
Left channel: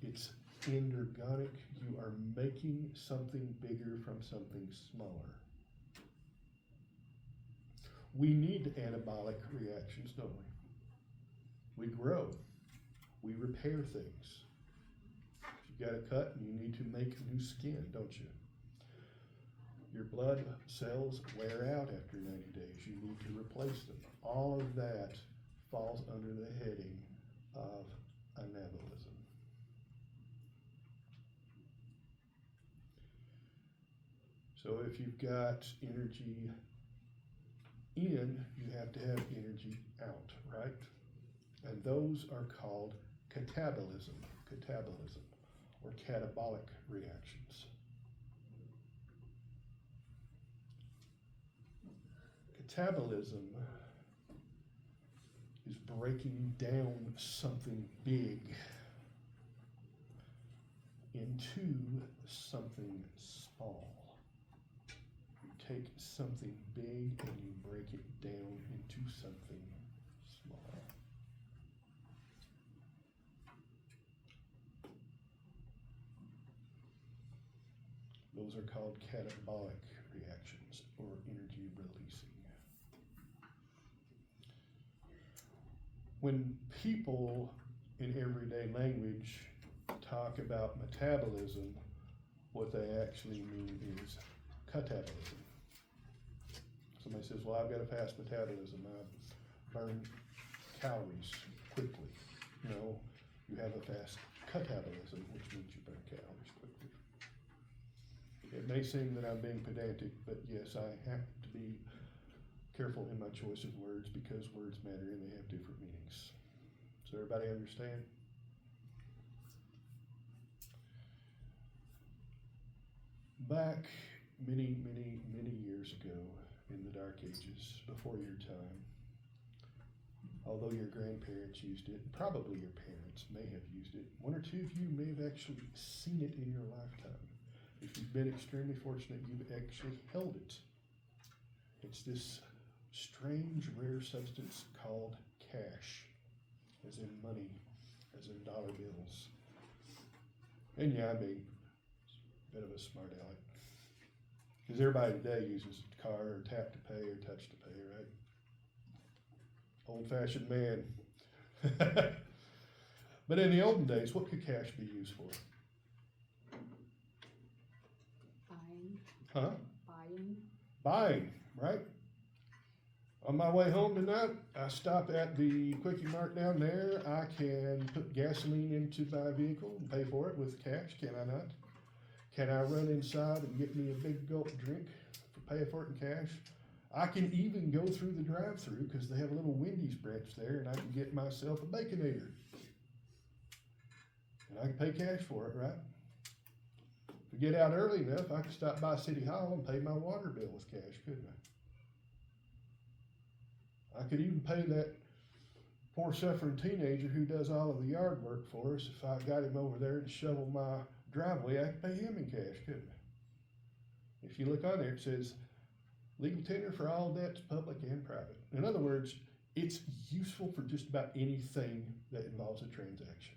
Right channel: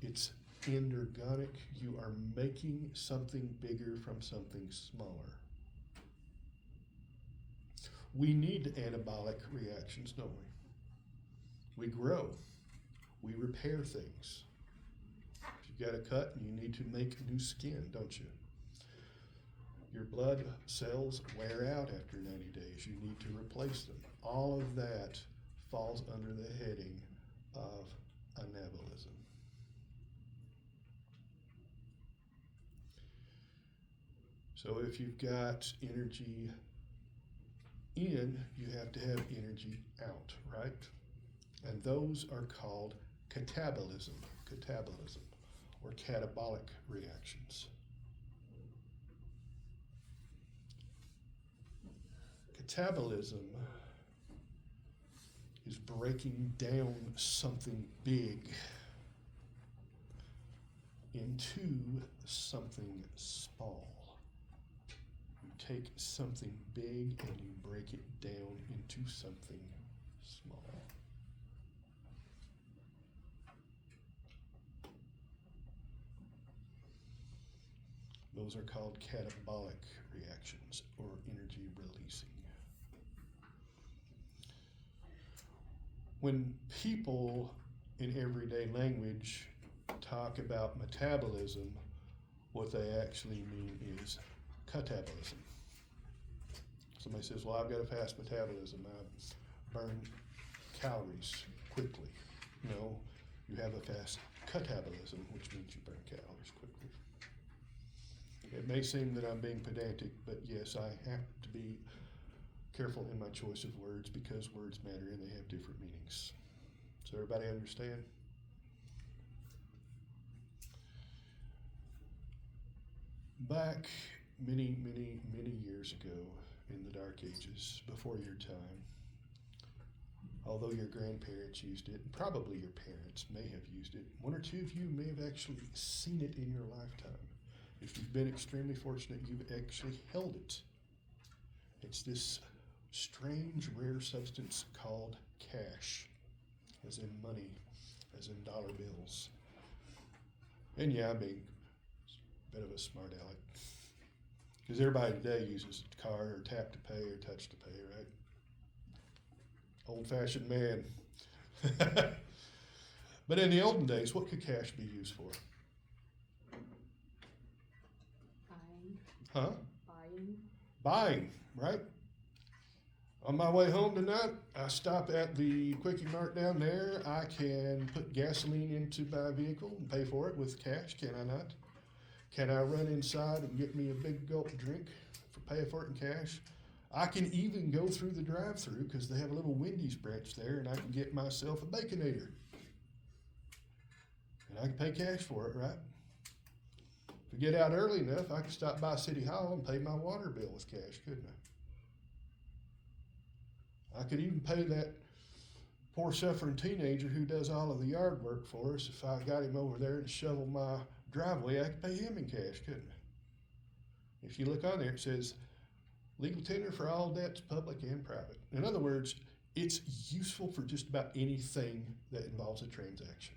It's energonic. You are making something bigger from something smaller. We need anabolic reactions, don't we? We grow. We repair things. If you've got a cut, you need to make new skin, don't you? Your blood cells wear out after 90 days. You need to replace them. All of that falls under the heading of anabolism. So if you've got energy in, you have to have energy out, right? And those are called catabolism, or catabolic reactions. Catabolism is breaking down something big into something small. You take something big and you break it down into something small. Those are called catabolic reactions or energy releasing. When people in everyday language talk about metabolism, what they actually mean is catabolism. Somebody says, well, I've got a fast metabolism. I burn calories quickly. No, you have a fast catabolism, which means you burn calories quickly. It may seem that I'm being pedantic, but yes, I have to be careful in my choice of words because words matter and they have different meanings. Does everybody understand? Back many years ago in the Dark Ages, before your time, although your grandparents used it, and probably your parents may have used it, one or two of you may have actually seen it in your lifetime. If you've been extremely fortunate, you've actually held it. It's this strange, rare substance called cash, as in money, as in dollar bills. And yeah, I'm being a bit of a smart aleck. Because everybody today uses card or tap to pay or touch to pay, right? Old-fashioned man. But in the olden days, what could cash be used for? Buying. Huh? Buying. Buying, right? On my way home tonight, I stop at the Quickie Mart down there. I can put gasoline into my vehicle and pay for it with cash, can I not? Can I run inside and get me a big gulp drink for pay for it in cash? I can even go through the drive-thru because they have a little Wendy's branch there and I can get myself a Baconator. And I can pay cash for it, right? If I get out early enough, I can stop by City Hall and pay my water bill with cash, couldn't I? I could even pay that poor suffering teenager who does all of the yard work for us. If I got him over there to shovel my driveway, I could pay him in cash, couldn't I? If you look on there, it says legal tender for all debts, public and private. In other words, it's useful for just about anything that involves a transaction.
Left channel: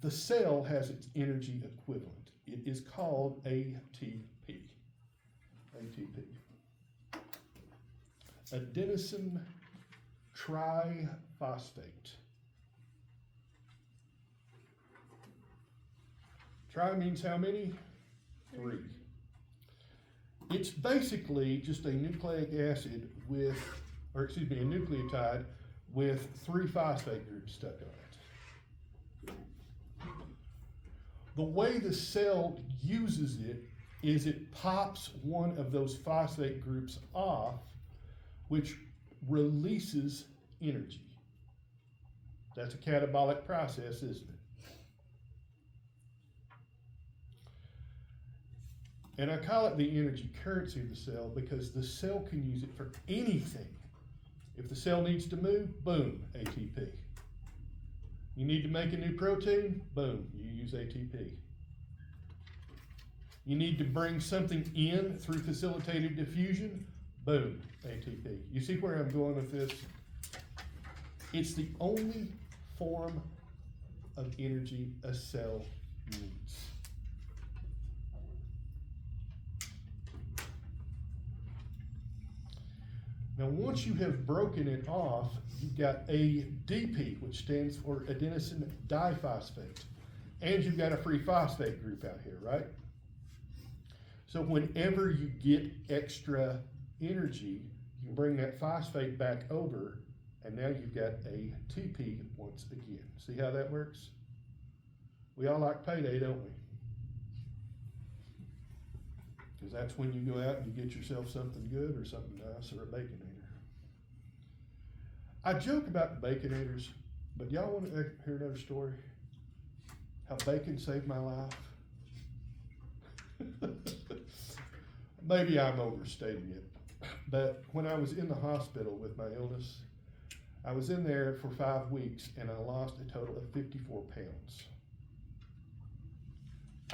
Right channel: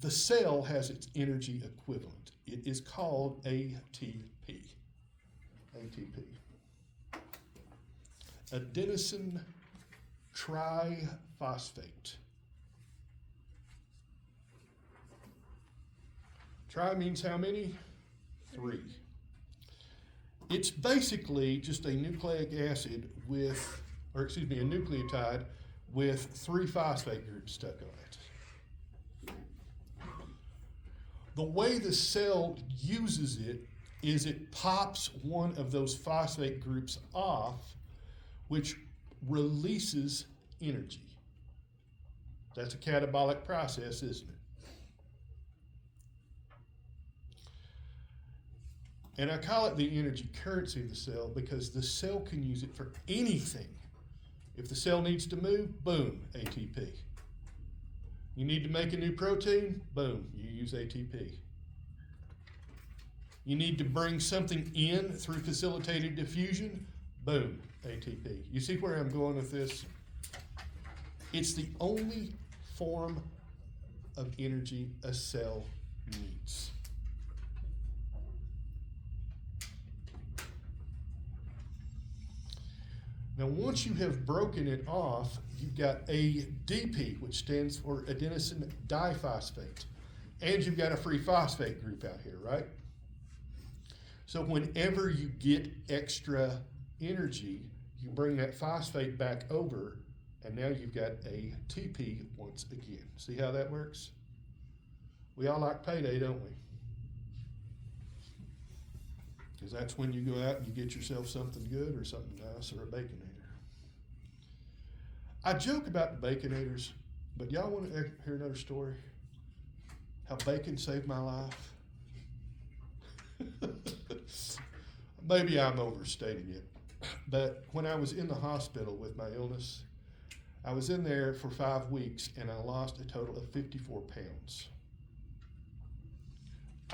The cell has its energy equivalent. It is called ATP. ATP. Adenosine triphosphate. Tri means how many? 3. It's basically just a nucleic acid with, or excuse me, a nucleotide with 3 phosphate groups stuck on it. The way the cell uses it is it pops one of those phosphate groups off, which releases energy. That's a catabolic process, isn't it? And I call it the energy currency of the cell because the cell can use it for anything. If the cell needs to move, boom, ATP. You need to make a new protein, boom, you use ATP. You need to bring something in through facilitated diffusion, boom, ATP. You see where I'm going with this? It's the only form of energy a cell needs. Now, once you have broken it off, you've got ADP, which stands for adenosine diphosphate. And you've got a free phosphate group out here, right? So whenever you get extra energy, you bring that phosphate back over, and now you've got ATP once again. See how that works? We all like payday, don't we? Because that's when you go out and you get yourself something good or something nice or a Baconator. I joke about the Baconators, but y'all want to hear another story? How bacon saved my life? Maybe I'm overstating it, but when I was in the hospital with my illness, I was in there for 5 weeks and I lost a total of 54 pounds.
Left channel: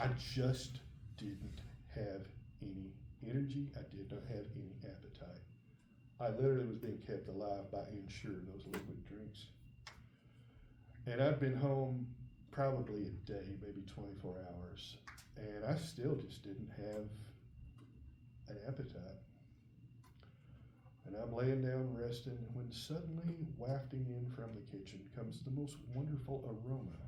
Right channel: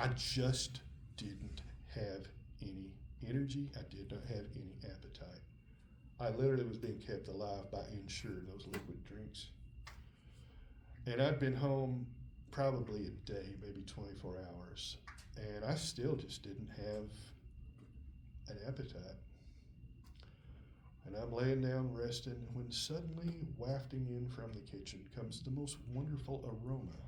I just didn't have any energy. I did not have any appetite. I literally was being kept alive by Ensure, those liquid drinks. And I'd been home probably a day, maybe 24 hours, and I still just didn't have an appetite. And I'm laying down resting when suddenly wafting in from the kitchen comes the most wonderful aroma.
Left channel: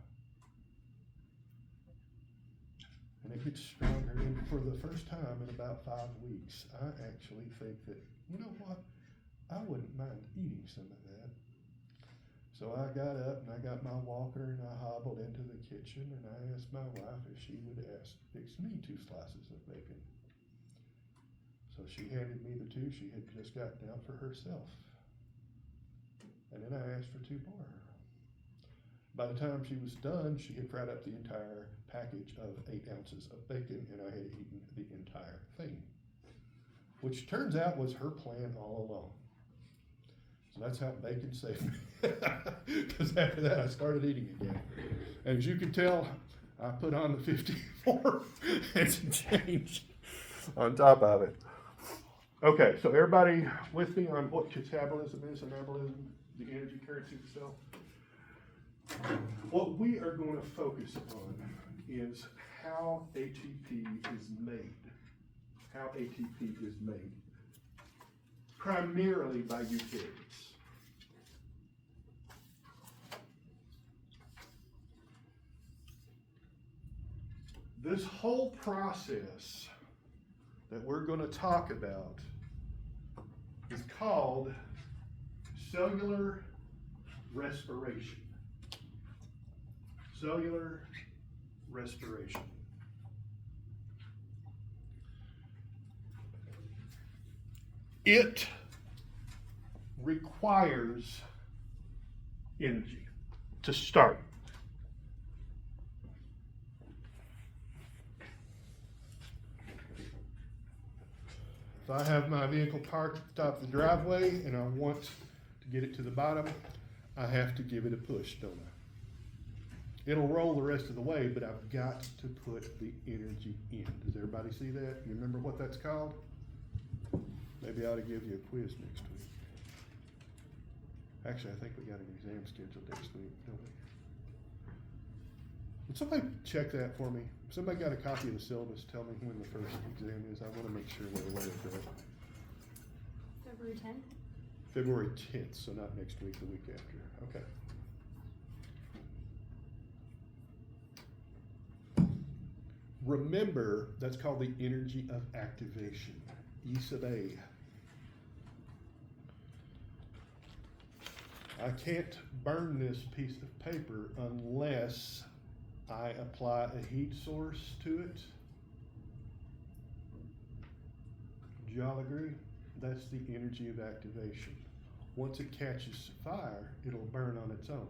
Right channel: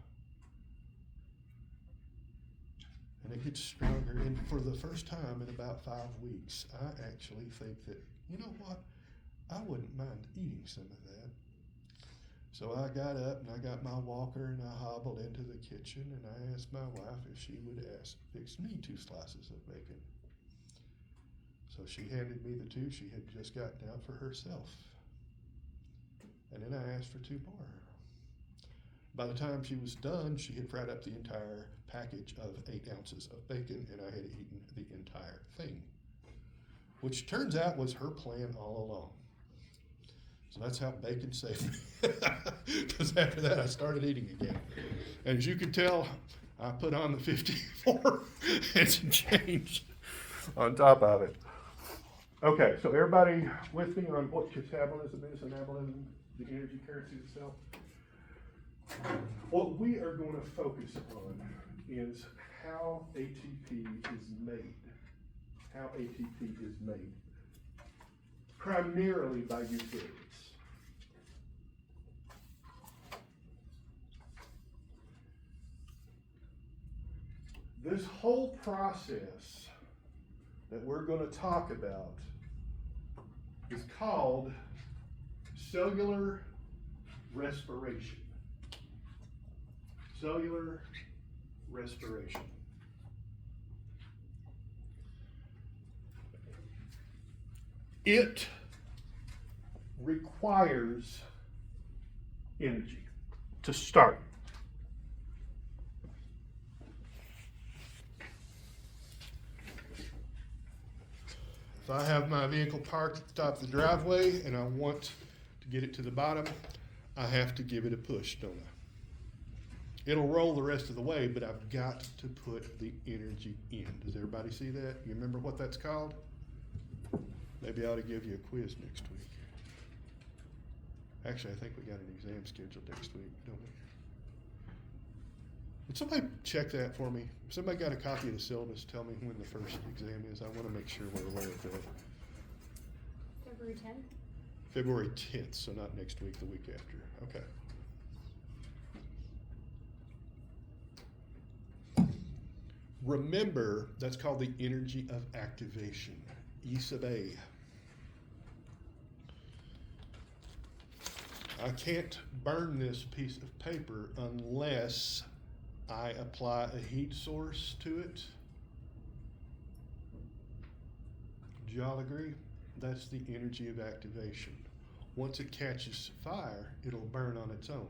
And it gets stronger, and for the first time in about 5 weeks, I actually think that, you know what, I wouldn't mind eating some of that. So I got up and I got my walker and I hobbled into the kitchen and I asked my wife if she would fix me 2 slices of bacon. So she handed me the 2 she had just gotten out for herself. And then I asked for 2 more. By the time she was done, she had fried up the entire package of 8 ounces of bacon and I had eaten the entire thing, which turns out was her plan all along. So that's how bacon saved me. Because after that, I started eating again. And as you can tell, I put on the 54 and some change on top of it. Okay, so everybody with me on what catabolism is, anabolism, the energy currency itself? What we are going to focus on is how ATP is made. How ATP is made. Primarily by eukaryotes. This whole process that we're going to talk about is called cellular respiration. Cellular respiration. It requires energy to start. If I have my vehicle parked at the top of the driveway and I want to get it to the bottom, I have to give it a push, don't I? It'll roll the rest of the way, but I've got to put the energy in. Does everybody see that? You remember what that's called? Maybe I ought to give you a quiz next week. Actually, I think we got an exam scheduled next week, don't we? Would somebody check that for me? If somebody got a copy of the syllabus, tell me when the first exam is. I want to make sure they're aware of that. February 10th? February 10th, so not next week, the week after. Okay. Remember, that's called the energy of activation, E sub A. I can't burn this piece of paper unless I apply a heat source to it. Do y'all agree? That's the energy of activation. Once it catches fire, it'll burn on its own.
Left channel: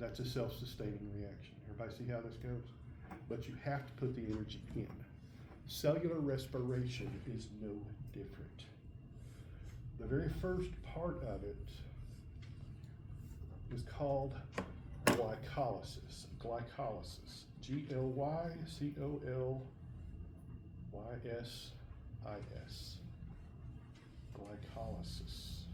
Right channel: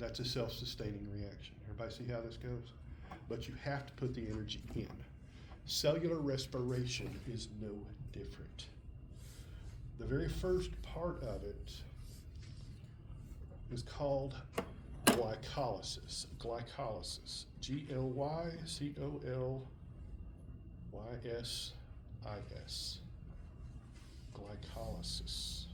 That's a self-sustaining reaction. Everybody see how this goes? But you have to put the energy in. Cellular respiration is no different. The very first part of it is called glycolysis. Glycolysis. Glycolysis. Glycolysis.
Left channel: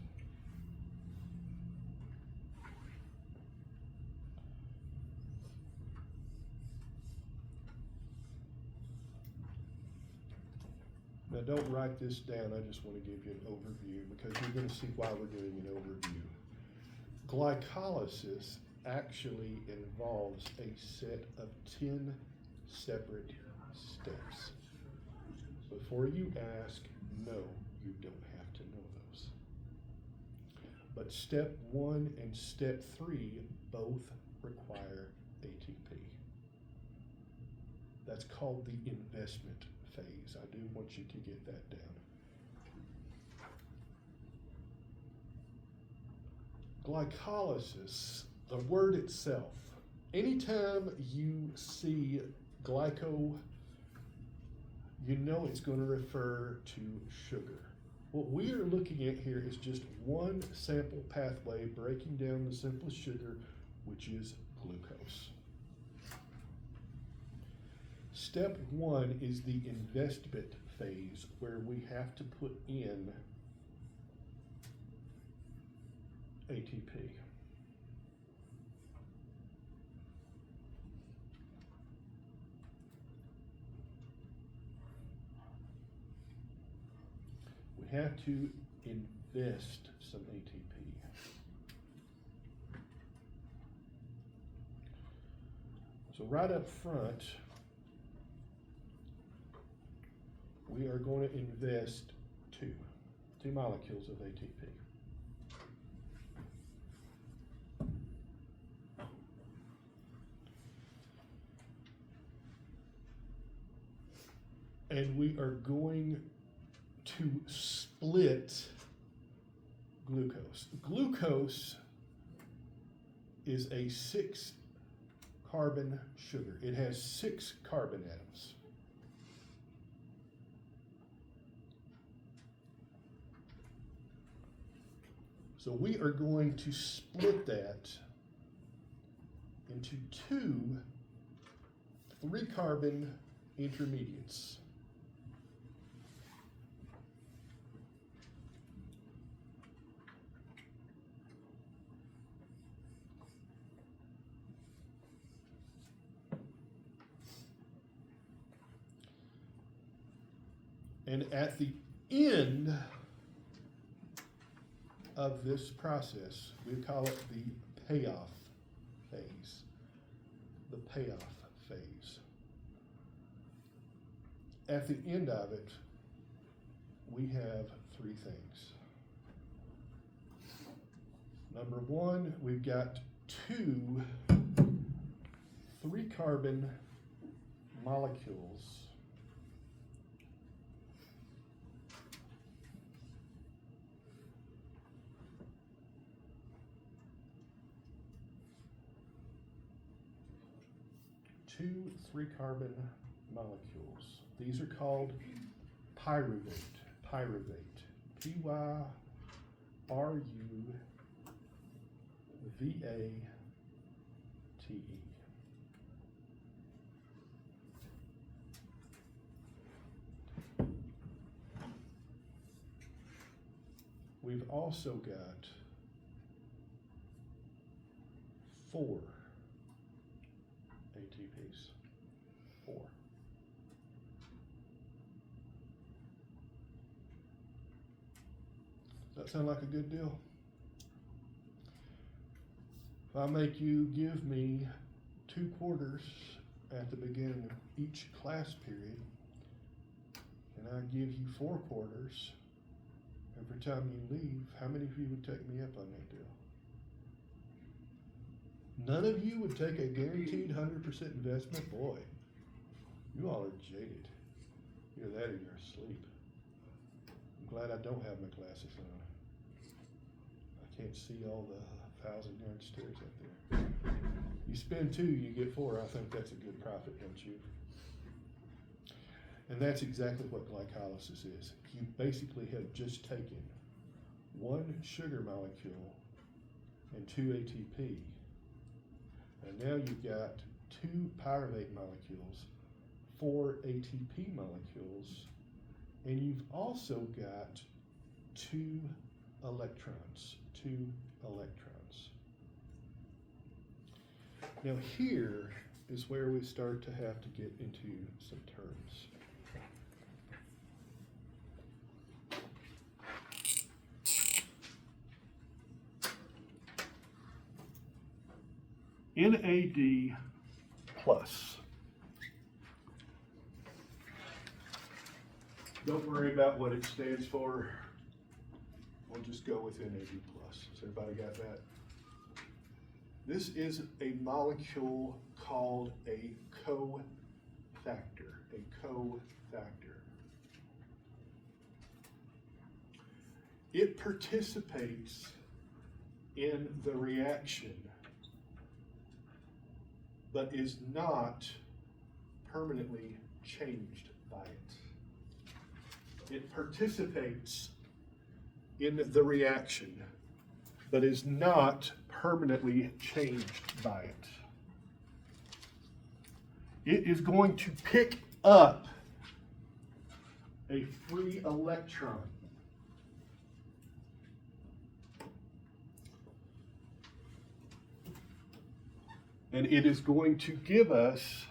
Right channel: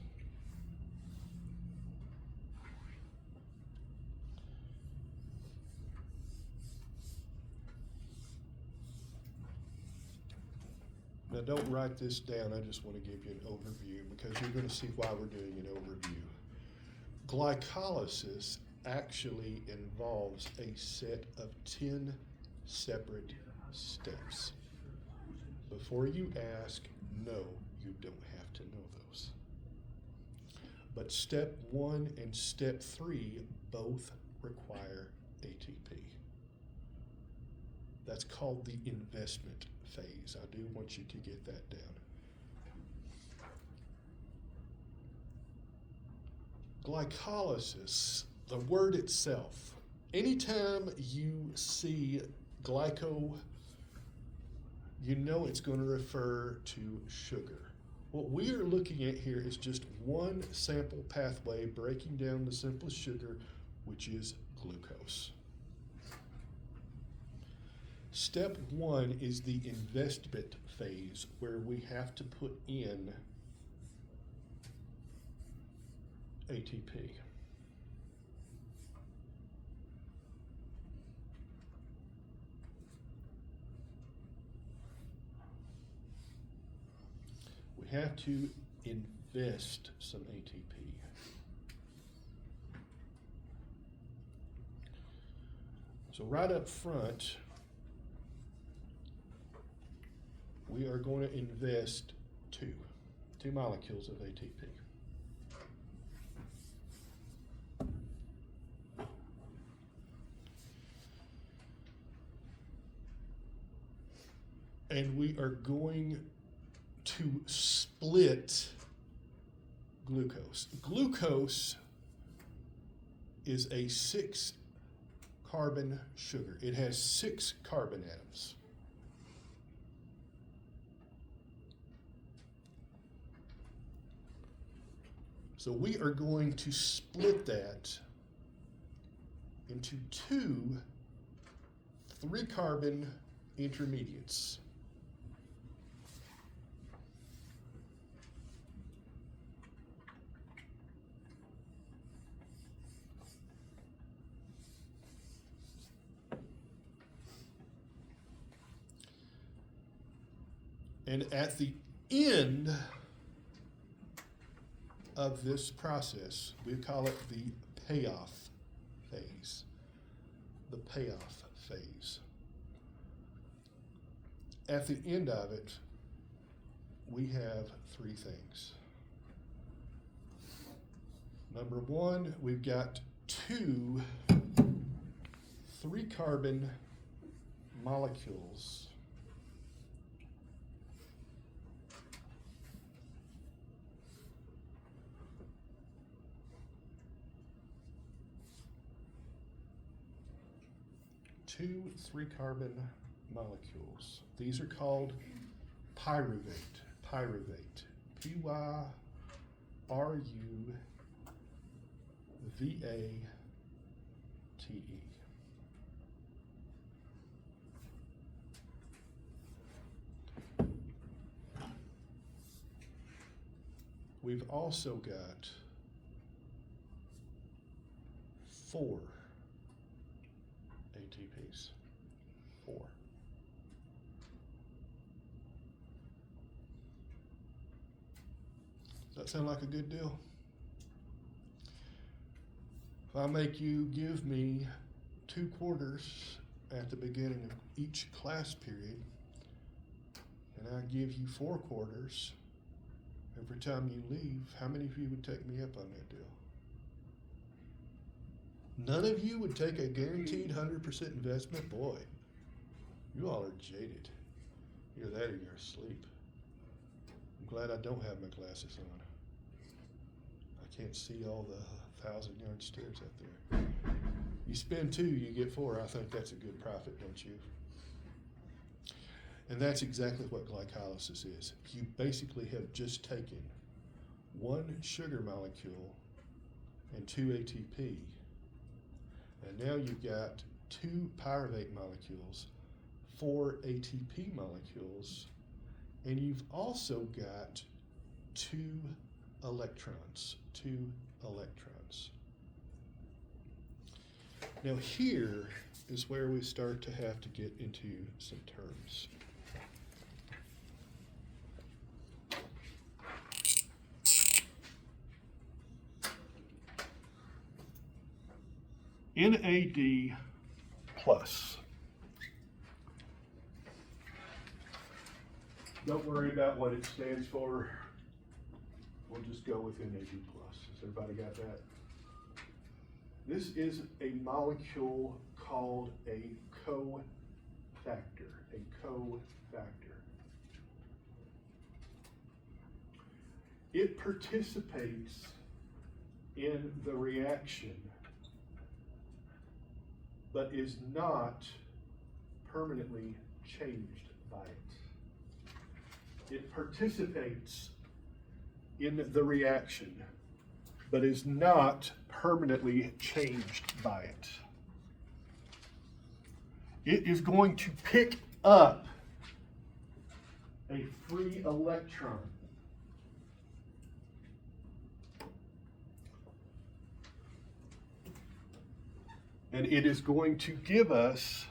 Now don't write this down, I just want to give you an overview because you're going to see why we're doing an overview. Glycolysis actually involves a set of 10 separate steps. Before you ask, no, you don't have to know those. But step 1 and step 3 both require ATP. That's called the investment phase. I do want you to get that down. Glycolysis, the word itself, anytime you see glyco, you know it's going to refer to sugar. What we are looking at here is just one sample pathway breaking down the simple sugar, which is glucose. Step 1 is the investment phase where we have to put in ATP. We have to invest some ATP. So right up front, we are going to invest two molecules of ATP. And we are going to split glucose. Glucose is a 6-carbon sugar. It has 6 carbon atoms. So we are going to split that into 2 3-carbon intermediates. And at the end of this process, we call it the payoff phase. The payoff phase. At the end of it, we have 3 things. Number 1, we've got 2 3-carbon molecules . Two 3-carbon molecules. These are called pyruvate. Pyruvate. P-Y-R-U-V-A-T-E. We've also got 4 ATPs. 4. Does that sound like a good deal? If I make you give me 2 quarters at the beginning of each class period, and I give you 4 quarters every time you leave, how many of you would take me up on that deal? None of you would take a guaranteed 100% investment? Boy, you all are jaded. Either that or you're asleep. I'm glad I don't have my glasses on. I can't see all the 1,000-yard stairs up there. You spend 2, you get 4. I think that's a good profit, don't you? And that's exactly what glycolysis is. You basically have just taken 1 sugar molecule and 2 ATP, and now you've got 2 pyruvate molecules, 4 ATP molecules, and you've also got 2 electrons. Now here is where we start to have to get into some terms. NAD plus. Don't worry about what it stands for. We'll just go with NAD plus. Has everybody got that? This is a molecule called a cofactor. It participates in the reaction, but is not permanently changed by it. It participates in the reaction, but is not permanently changed by it. It is going to pick up a free electron. And it is going to give us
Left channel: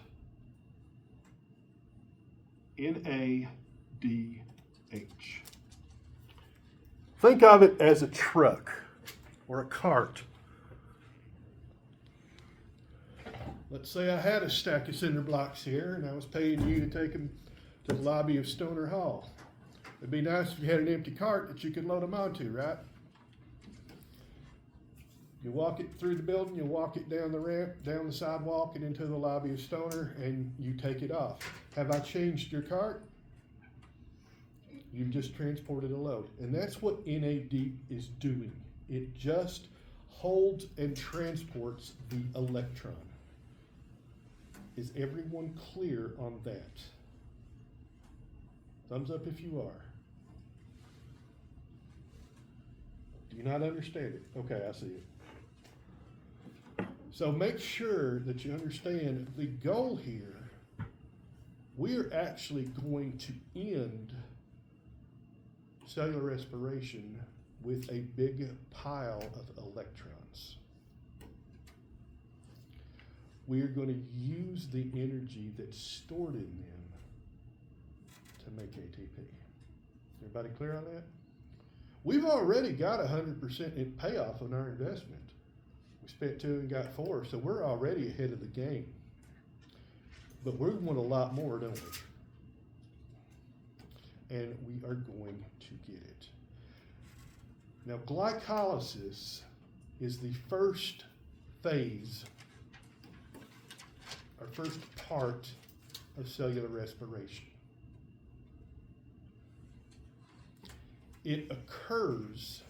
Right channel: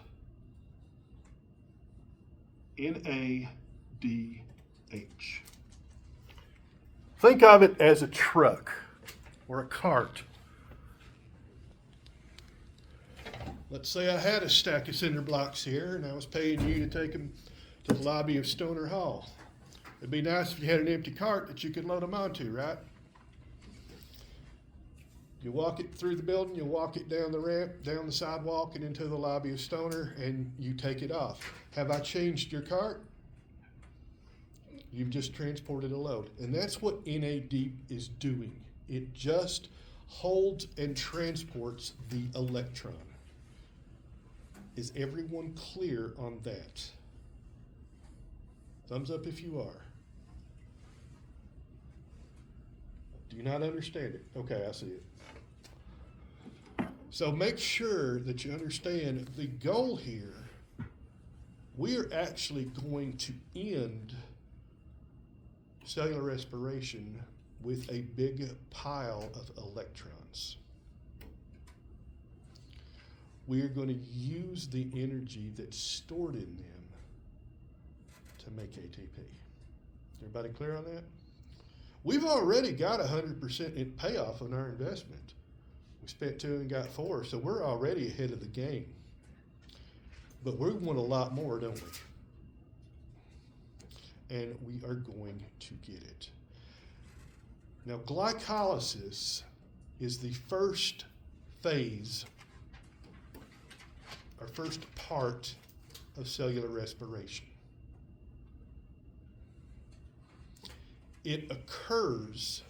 NADH. Think of it as a truck or a cart. Let's say I had a stack of cinder blocks here and I was paying you to take them to the lobby of Stoner Hall. It'd be nice if you had an empty cart that you could load them onto, right? You walk it through the building, you walk it down the ramp, down the sidewalk, and into the lobby of Stoner, and you take it off. Have I changed your cart? You've just transported a load. And that's what NAD is doing. It just holds and transports the electron. Is everyone clear on that? Thumbs up if you are. Do you not understand it? Okay, I see it. So make sure that you understand the goal here. We're actually going to end cellular respiration with a big pile of electrons. We're going to use the energy that's stored in them to make ATP. Everybody clear on that? We've already got 100% payoff on our investment. We spent 2 and got 4, so we're already ahead of the game. But we want a lot more, don't we? And we are going to get it. Now, glycolysis is the first phase, or first part of cellular respiration. It occurs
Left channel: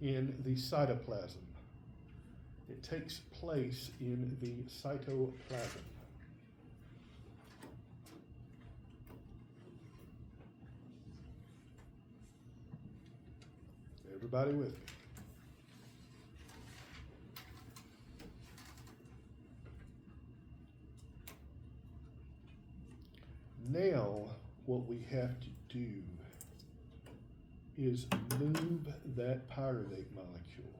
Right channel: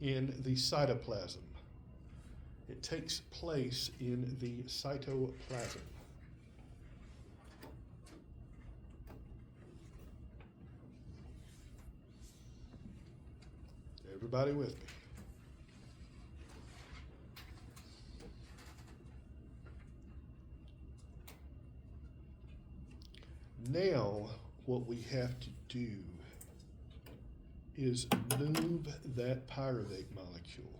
in the cytoplasm. It takes place in the cytoplasm. Everybody with me? Now, what we have to do is move that pyruvate molecule.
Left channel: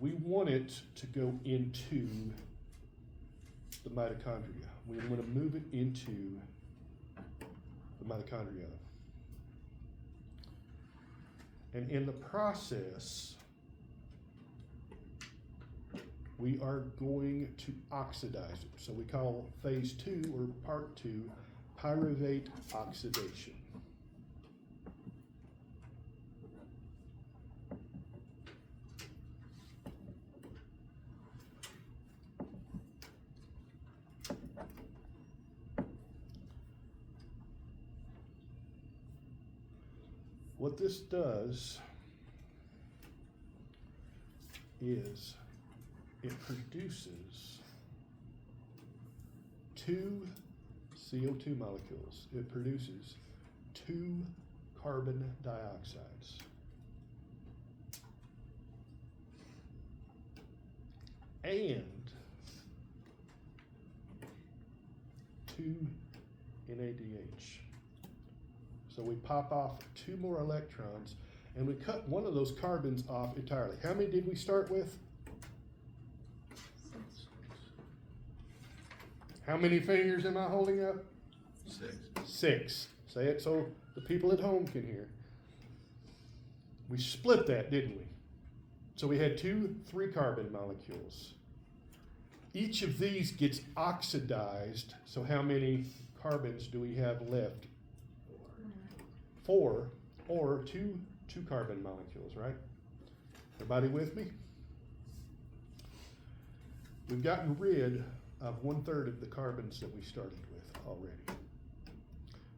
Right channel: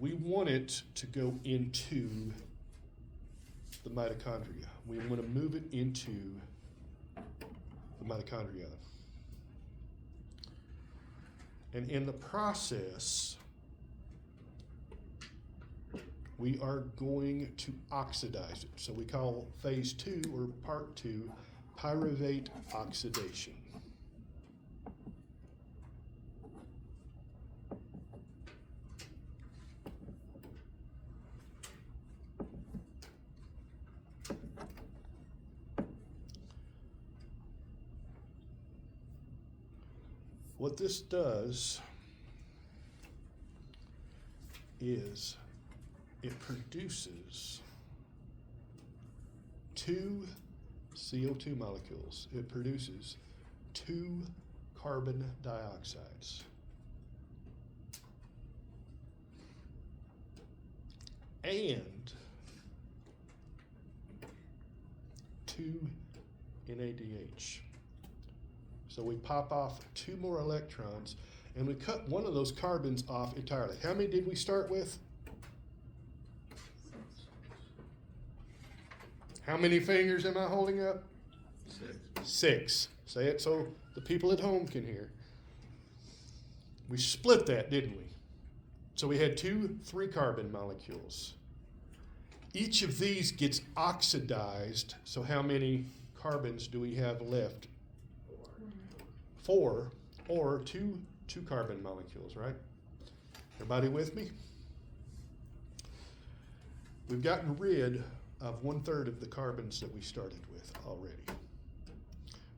We want it to go into the mitochondria. We want to move it into the mitochondria. And in the process, we are going to oxidize it. So we call phase 2 or part 2 pyruvate oxidation. What this does is it produces 2 CO2 molecules. It produces 2 carbon dioxides. And 2 NADH. So we pop off 2 more electrons and we cut one of those carbons off entirely. How many did we start with? How many fingers am I holding up? 6. 6. Say it so the people at home can hear. We split that, didn't we? So we had 2 3-carbon molecules. Each of these gets oxidized. So how many carbons do we have left? 4, or 2 2-carbon molecules, right? Everybody with me? We've gotten rid of 1/3 of the carbons that we started with already.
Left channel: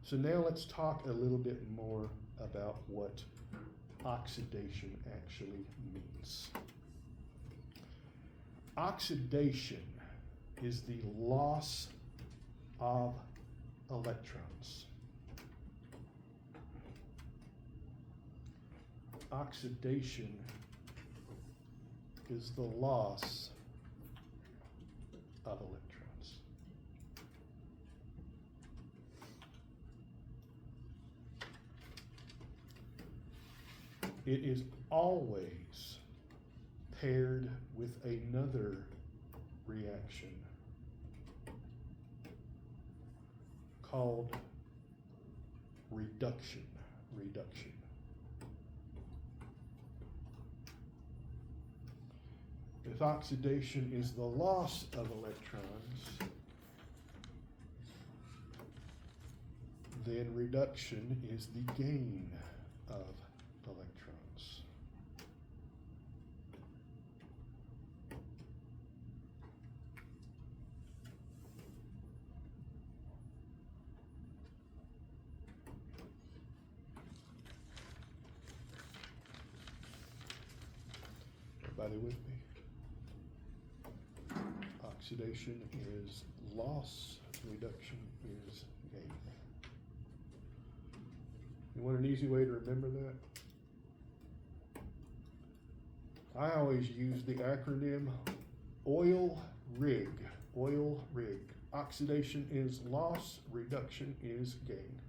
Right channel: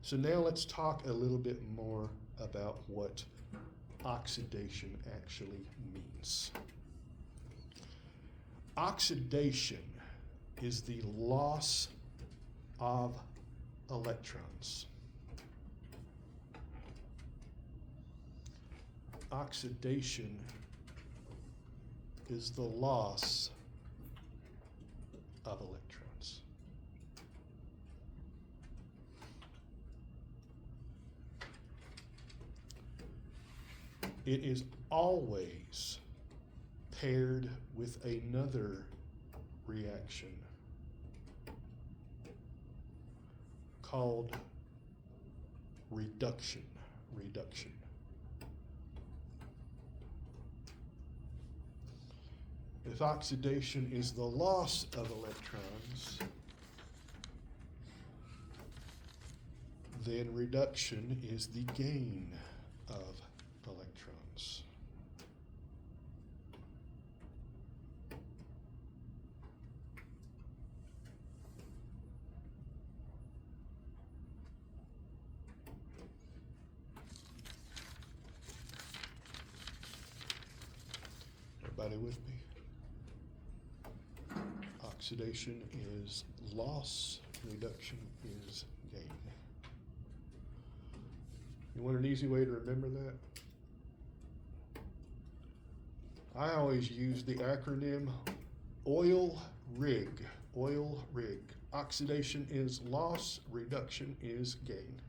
So now let's talk a little bit more about what oxidation actually means. Oxidation is the loss of electrons. Oxidation is the loss of electrons. It is always paired with another reaction called reduction. If oxidation is the loss of electrons, then reduction is the gain of electrons. Everybody with me? Oxidation is loss, reduction is gain. You want an easy way to remember that? I always use the acronym OIL-RIG. OIL-RIG. Oxidation is loss, reduction is gain.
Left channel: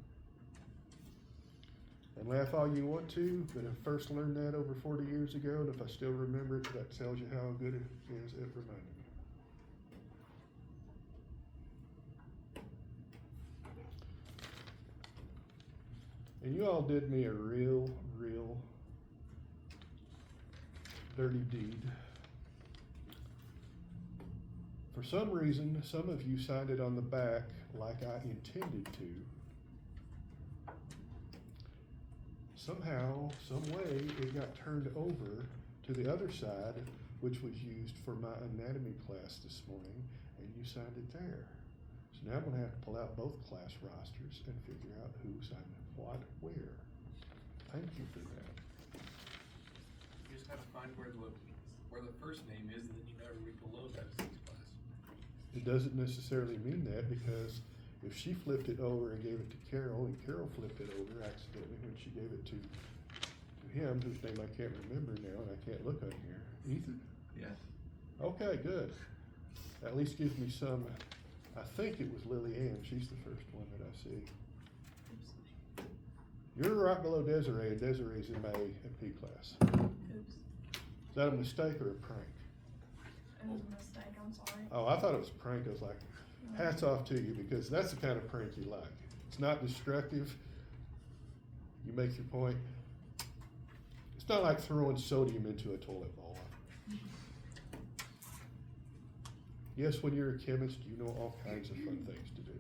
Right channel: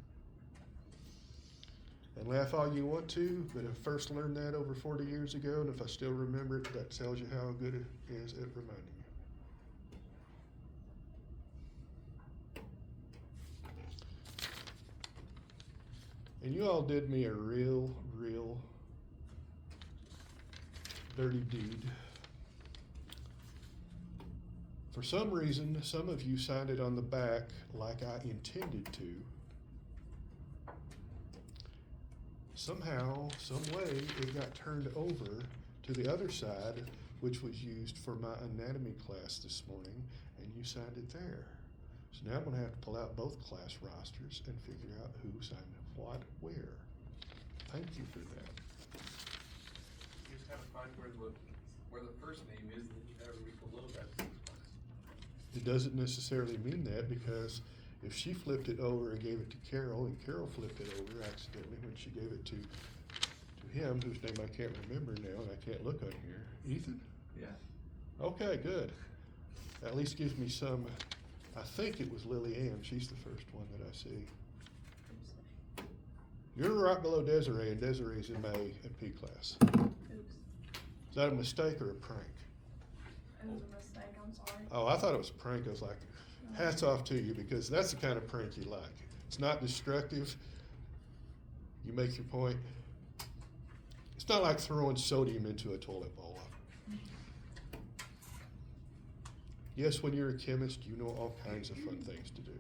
And laugh all you want to, but I first learned that over 40 years ago, and if I still remember it, that tells you how good it is at reminding me. And you all did me a real dirty deed. For some reason, some of you signed it on the back like I intended to. Somehow, some way, it got turned over to the other side, which was used for my anatomy class this morning, and you signed it there. So now I'm gonna have to pull out both class rosters and figure out who signed what, where. Thank you for that. You just gotta find where the first name is, and then you gotta read below that. It doesn't necessarily mean that, because if she flipped it over and gave it to Carol, and Carol flipped it over accidentally when she gave it to him, whose name I can't remember now, and I can't look on here. Ethan? Yeah. Okay, good. At least gives me some, I think it was Lily Ann, she's the first one that I see. You're right below Desiree, and Desiree's in my AP class. Is that a mistake or a prank? It was a mistake, I'm sorry. Oh, I thought it was a prank. I was like, hats off to you, because that's the kind of prank you like. It's not destructive. You make your point. It's not like throwing sodium into a toilet bowl. Yes, when you're a chemist, you know all kinds of fun things to do.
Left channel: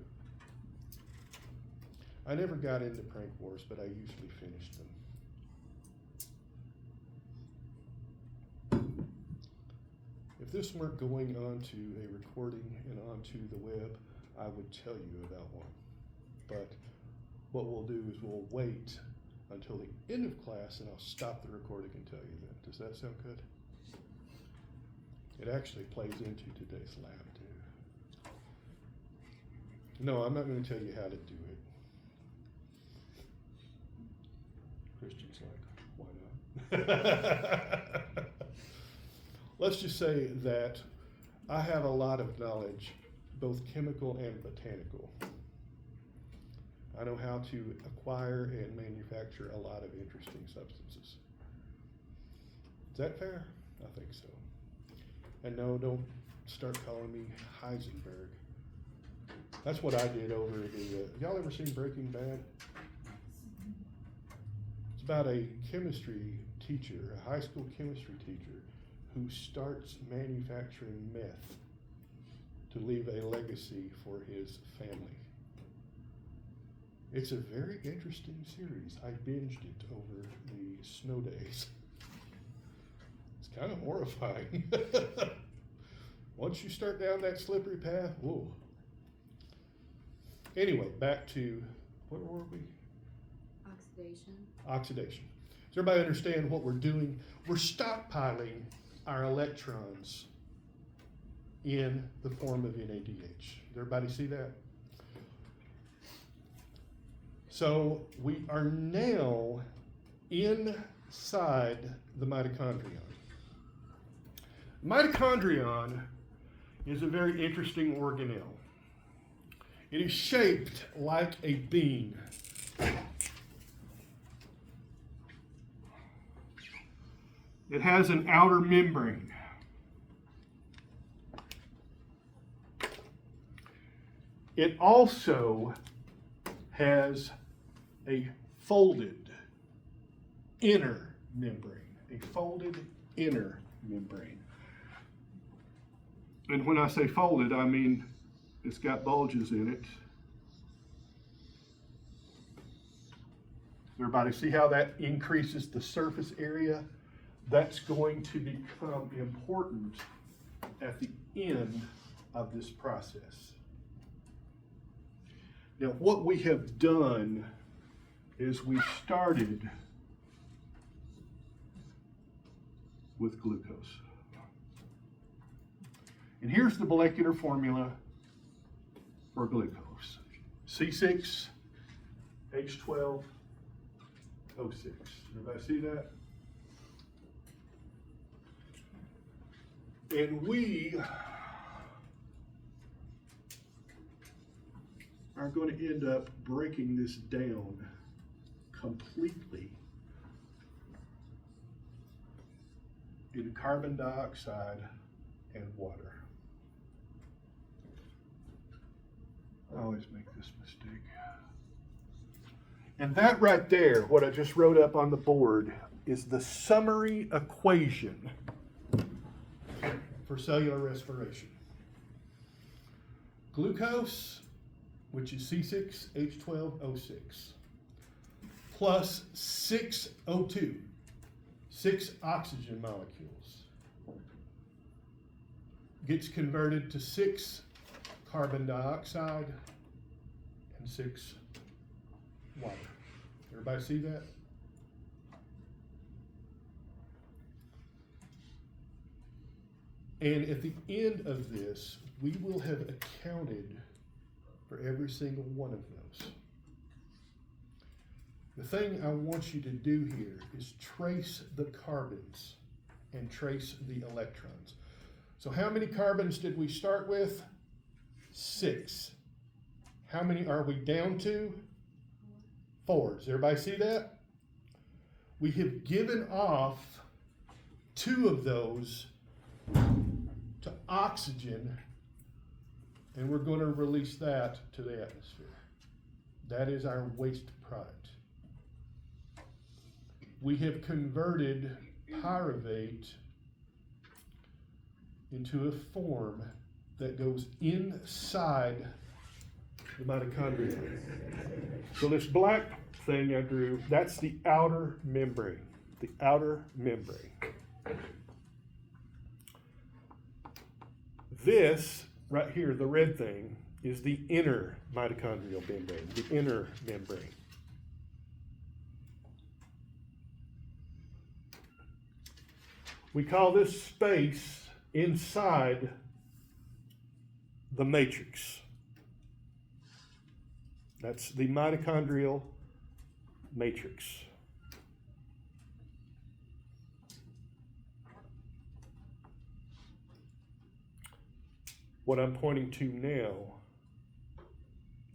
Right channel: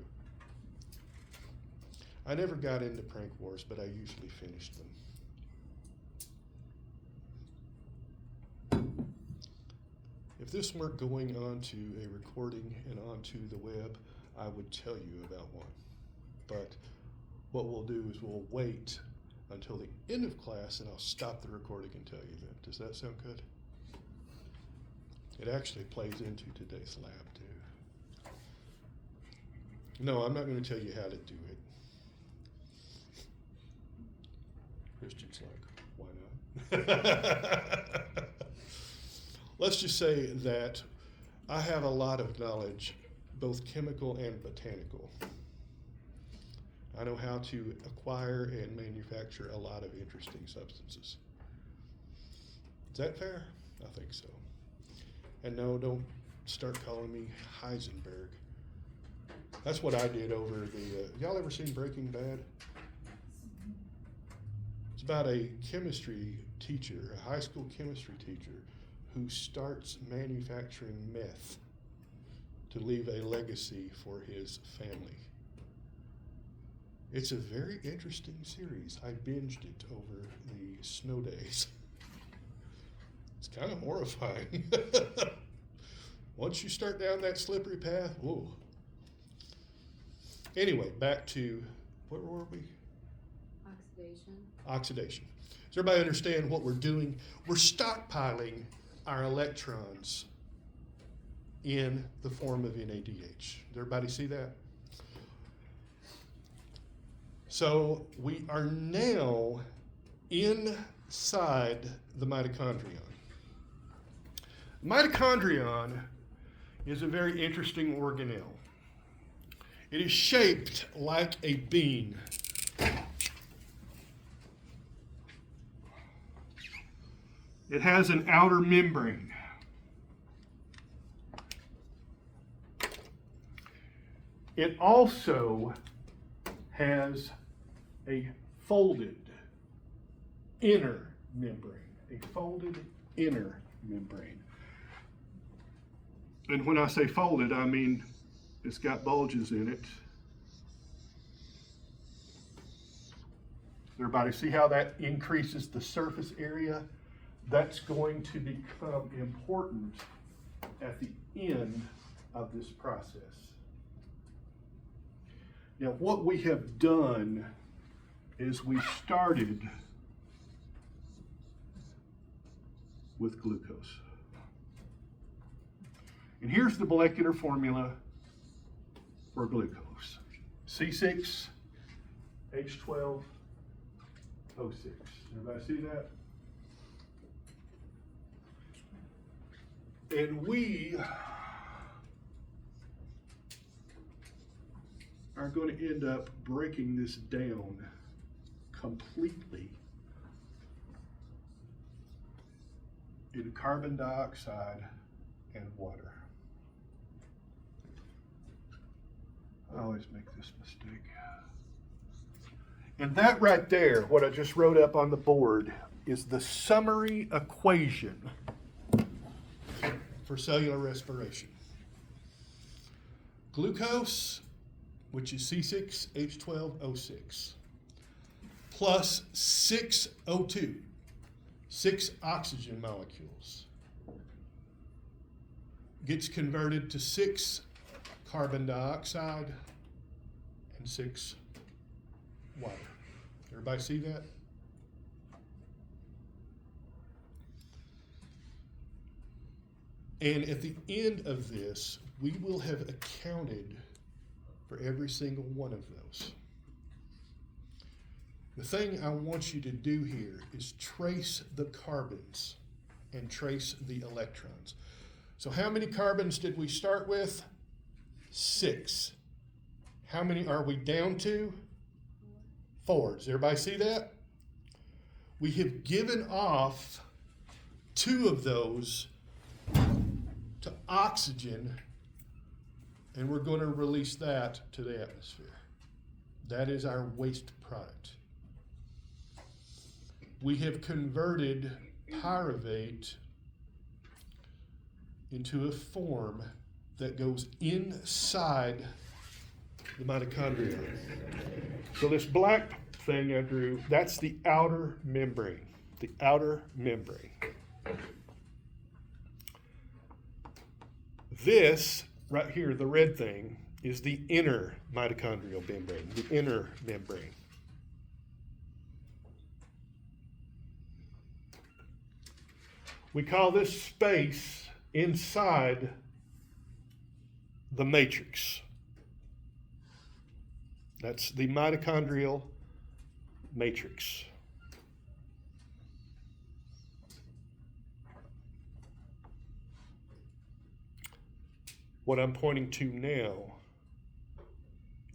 I never got into prank wars, but I usually finished them. If this weren't going onto a recording and onto the web, I would tell you about one. But what we'll do is we'll wait until the end of class and I'll stop the recording and tell you then. Does that sound good? It actually plays into today's lab too. No, I'm not going to tell you how to do it. Christian's like, why not? Let's just say that I have a lot of knowledge, both chemical and botanical. I know how to acquire and manufacture a lot of interesting substances. Is that fair? I think so. And no, don't start calling me Heisenberg. That's what I did over the, y'all ever seen Breaking Bad? It's about a chemistry teacher, a high school chemistry teacher, who starts manufacturing meth to leave a legacy for his family. It's a very interesting series. I binged it over the snow days. It's kind of horrifying. Once you start down that slippery path, whoa. Anyway, back to, where were we? Oxidation. Oxidation. Does everybody understand what we're doing? We're stockpiling our electrons in the form of NADH. Does everybody see that? So we are now inside the mitochondrion. Mitochondrion is a very interesting organelle. It is shaped like a bean. It has an outer membrane. It also has a folded inner membrane. A folded inner membrane. And when I say folded, I mean it's got bulges in it. Everybody see how that increases the surface area? That's going to become important at the end of this process. Now, what we have done is we started with glucose. And here's the molecular formula for glucose. C6H12O6. Everybody see that? And we are going to end up breaking this down completely in carbon dioxide and water. I always make this mistake. And that right there, what I just wrote up on the board, is the summary equation for cellular respiration. Glucose, which is C6H12O6, plus 6 O2, 6 oxygen molecules, gets converted to 6 carbon dioxide and 6 water. Everybody see that? And at the end of this, we will have accounted for every single one of those. The thing I want you to do here is trace the carbons and trace the electrons. So how many carbons did we start with? 6. How many are we down to? 4. Does everybody see that? We have given off 2 of those to oxygen, and we're going to release that to the atmosphere. That is our waste product. We have converted pyruvate into a form that goes inside the mitochondria. So this black thing I drew, that's the outer membrane. The outer membrane. This right here, the red thing, is the inner mitochondrial membrane, the inner membrane. We call this space inside the matrix. That's the mitochondrial matrix. What I'm pointing to now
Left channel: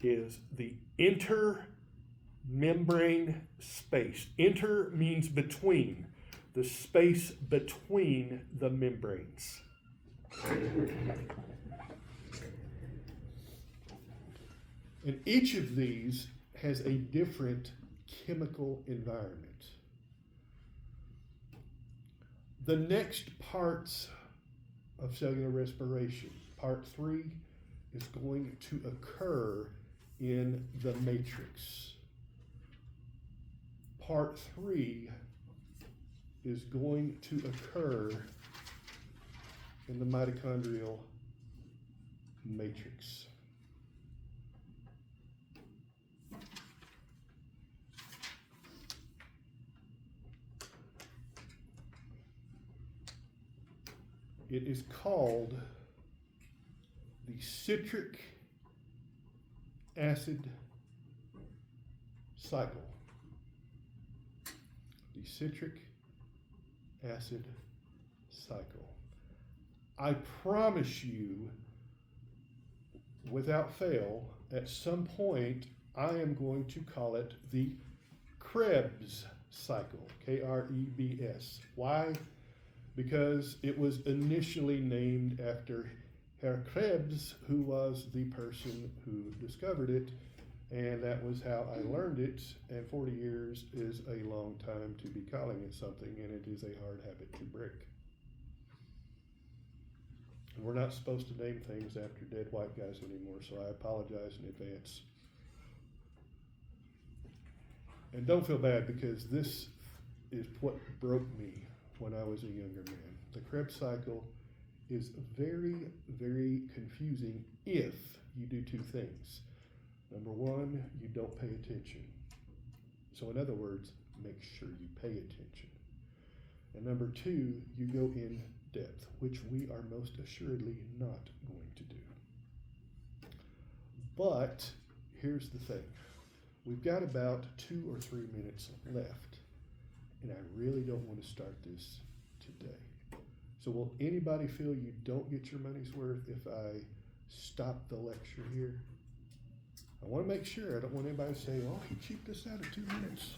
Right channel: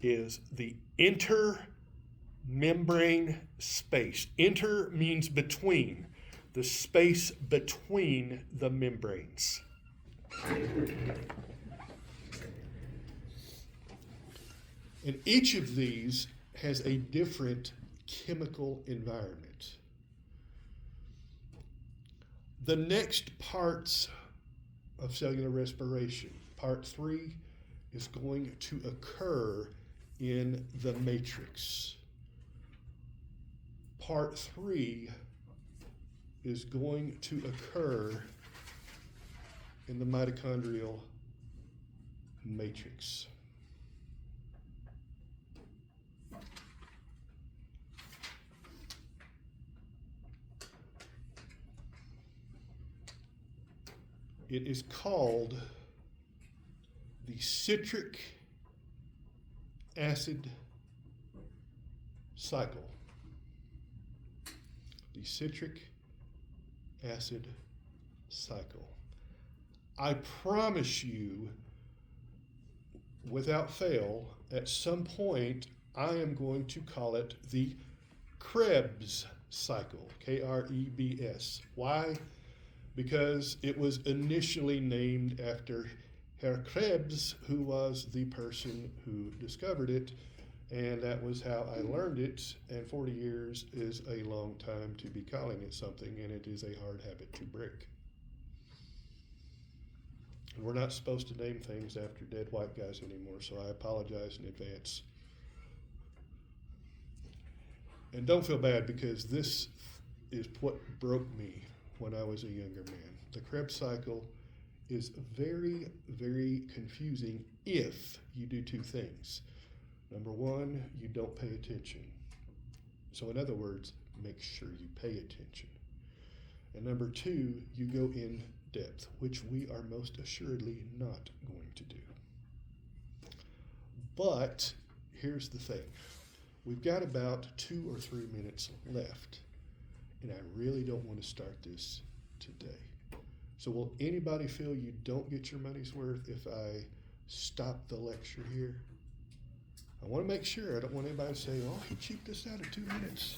is the intermembrane space. Inter means between, the space between the membranes. And each of these has a different chemical environment. The next parts of cellular respiration, part 3, is going to occur in the matrix. Part 3 is going to occur in the mitochondrial matrix. It is called the citric acid cycle. The citric acid cycle. I promise you, without fail, at some point, I am going to call it the Krebs cycle, Krebs. Why? Because it was initially named after Herr Krebs, who was the person who discovered it, and that was how I learned it, and 40 years is a long time to be calling it something, and it is a hard habit to break. And we're not supposed to name things after dead white guys anymore, so I apologize in advance. And don't feel bad, because this is what broke me when I was a younger man. The Krebs cycle is very, very confusing if you do two things. Number one, you don't pay attention. So in other words, make sure you pay attention. And number two, you go in depth, which we are most assuredly not going to do. But here's the thing. We've got about 2 or 3 minutes left, and I really don't want to start this today. So will anybody feel you don't get your money's worth if I stop the lecture here? I want to make sure. I don't want anybody to say, oh, he cheaped us out of 2 minutes.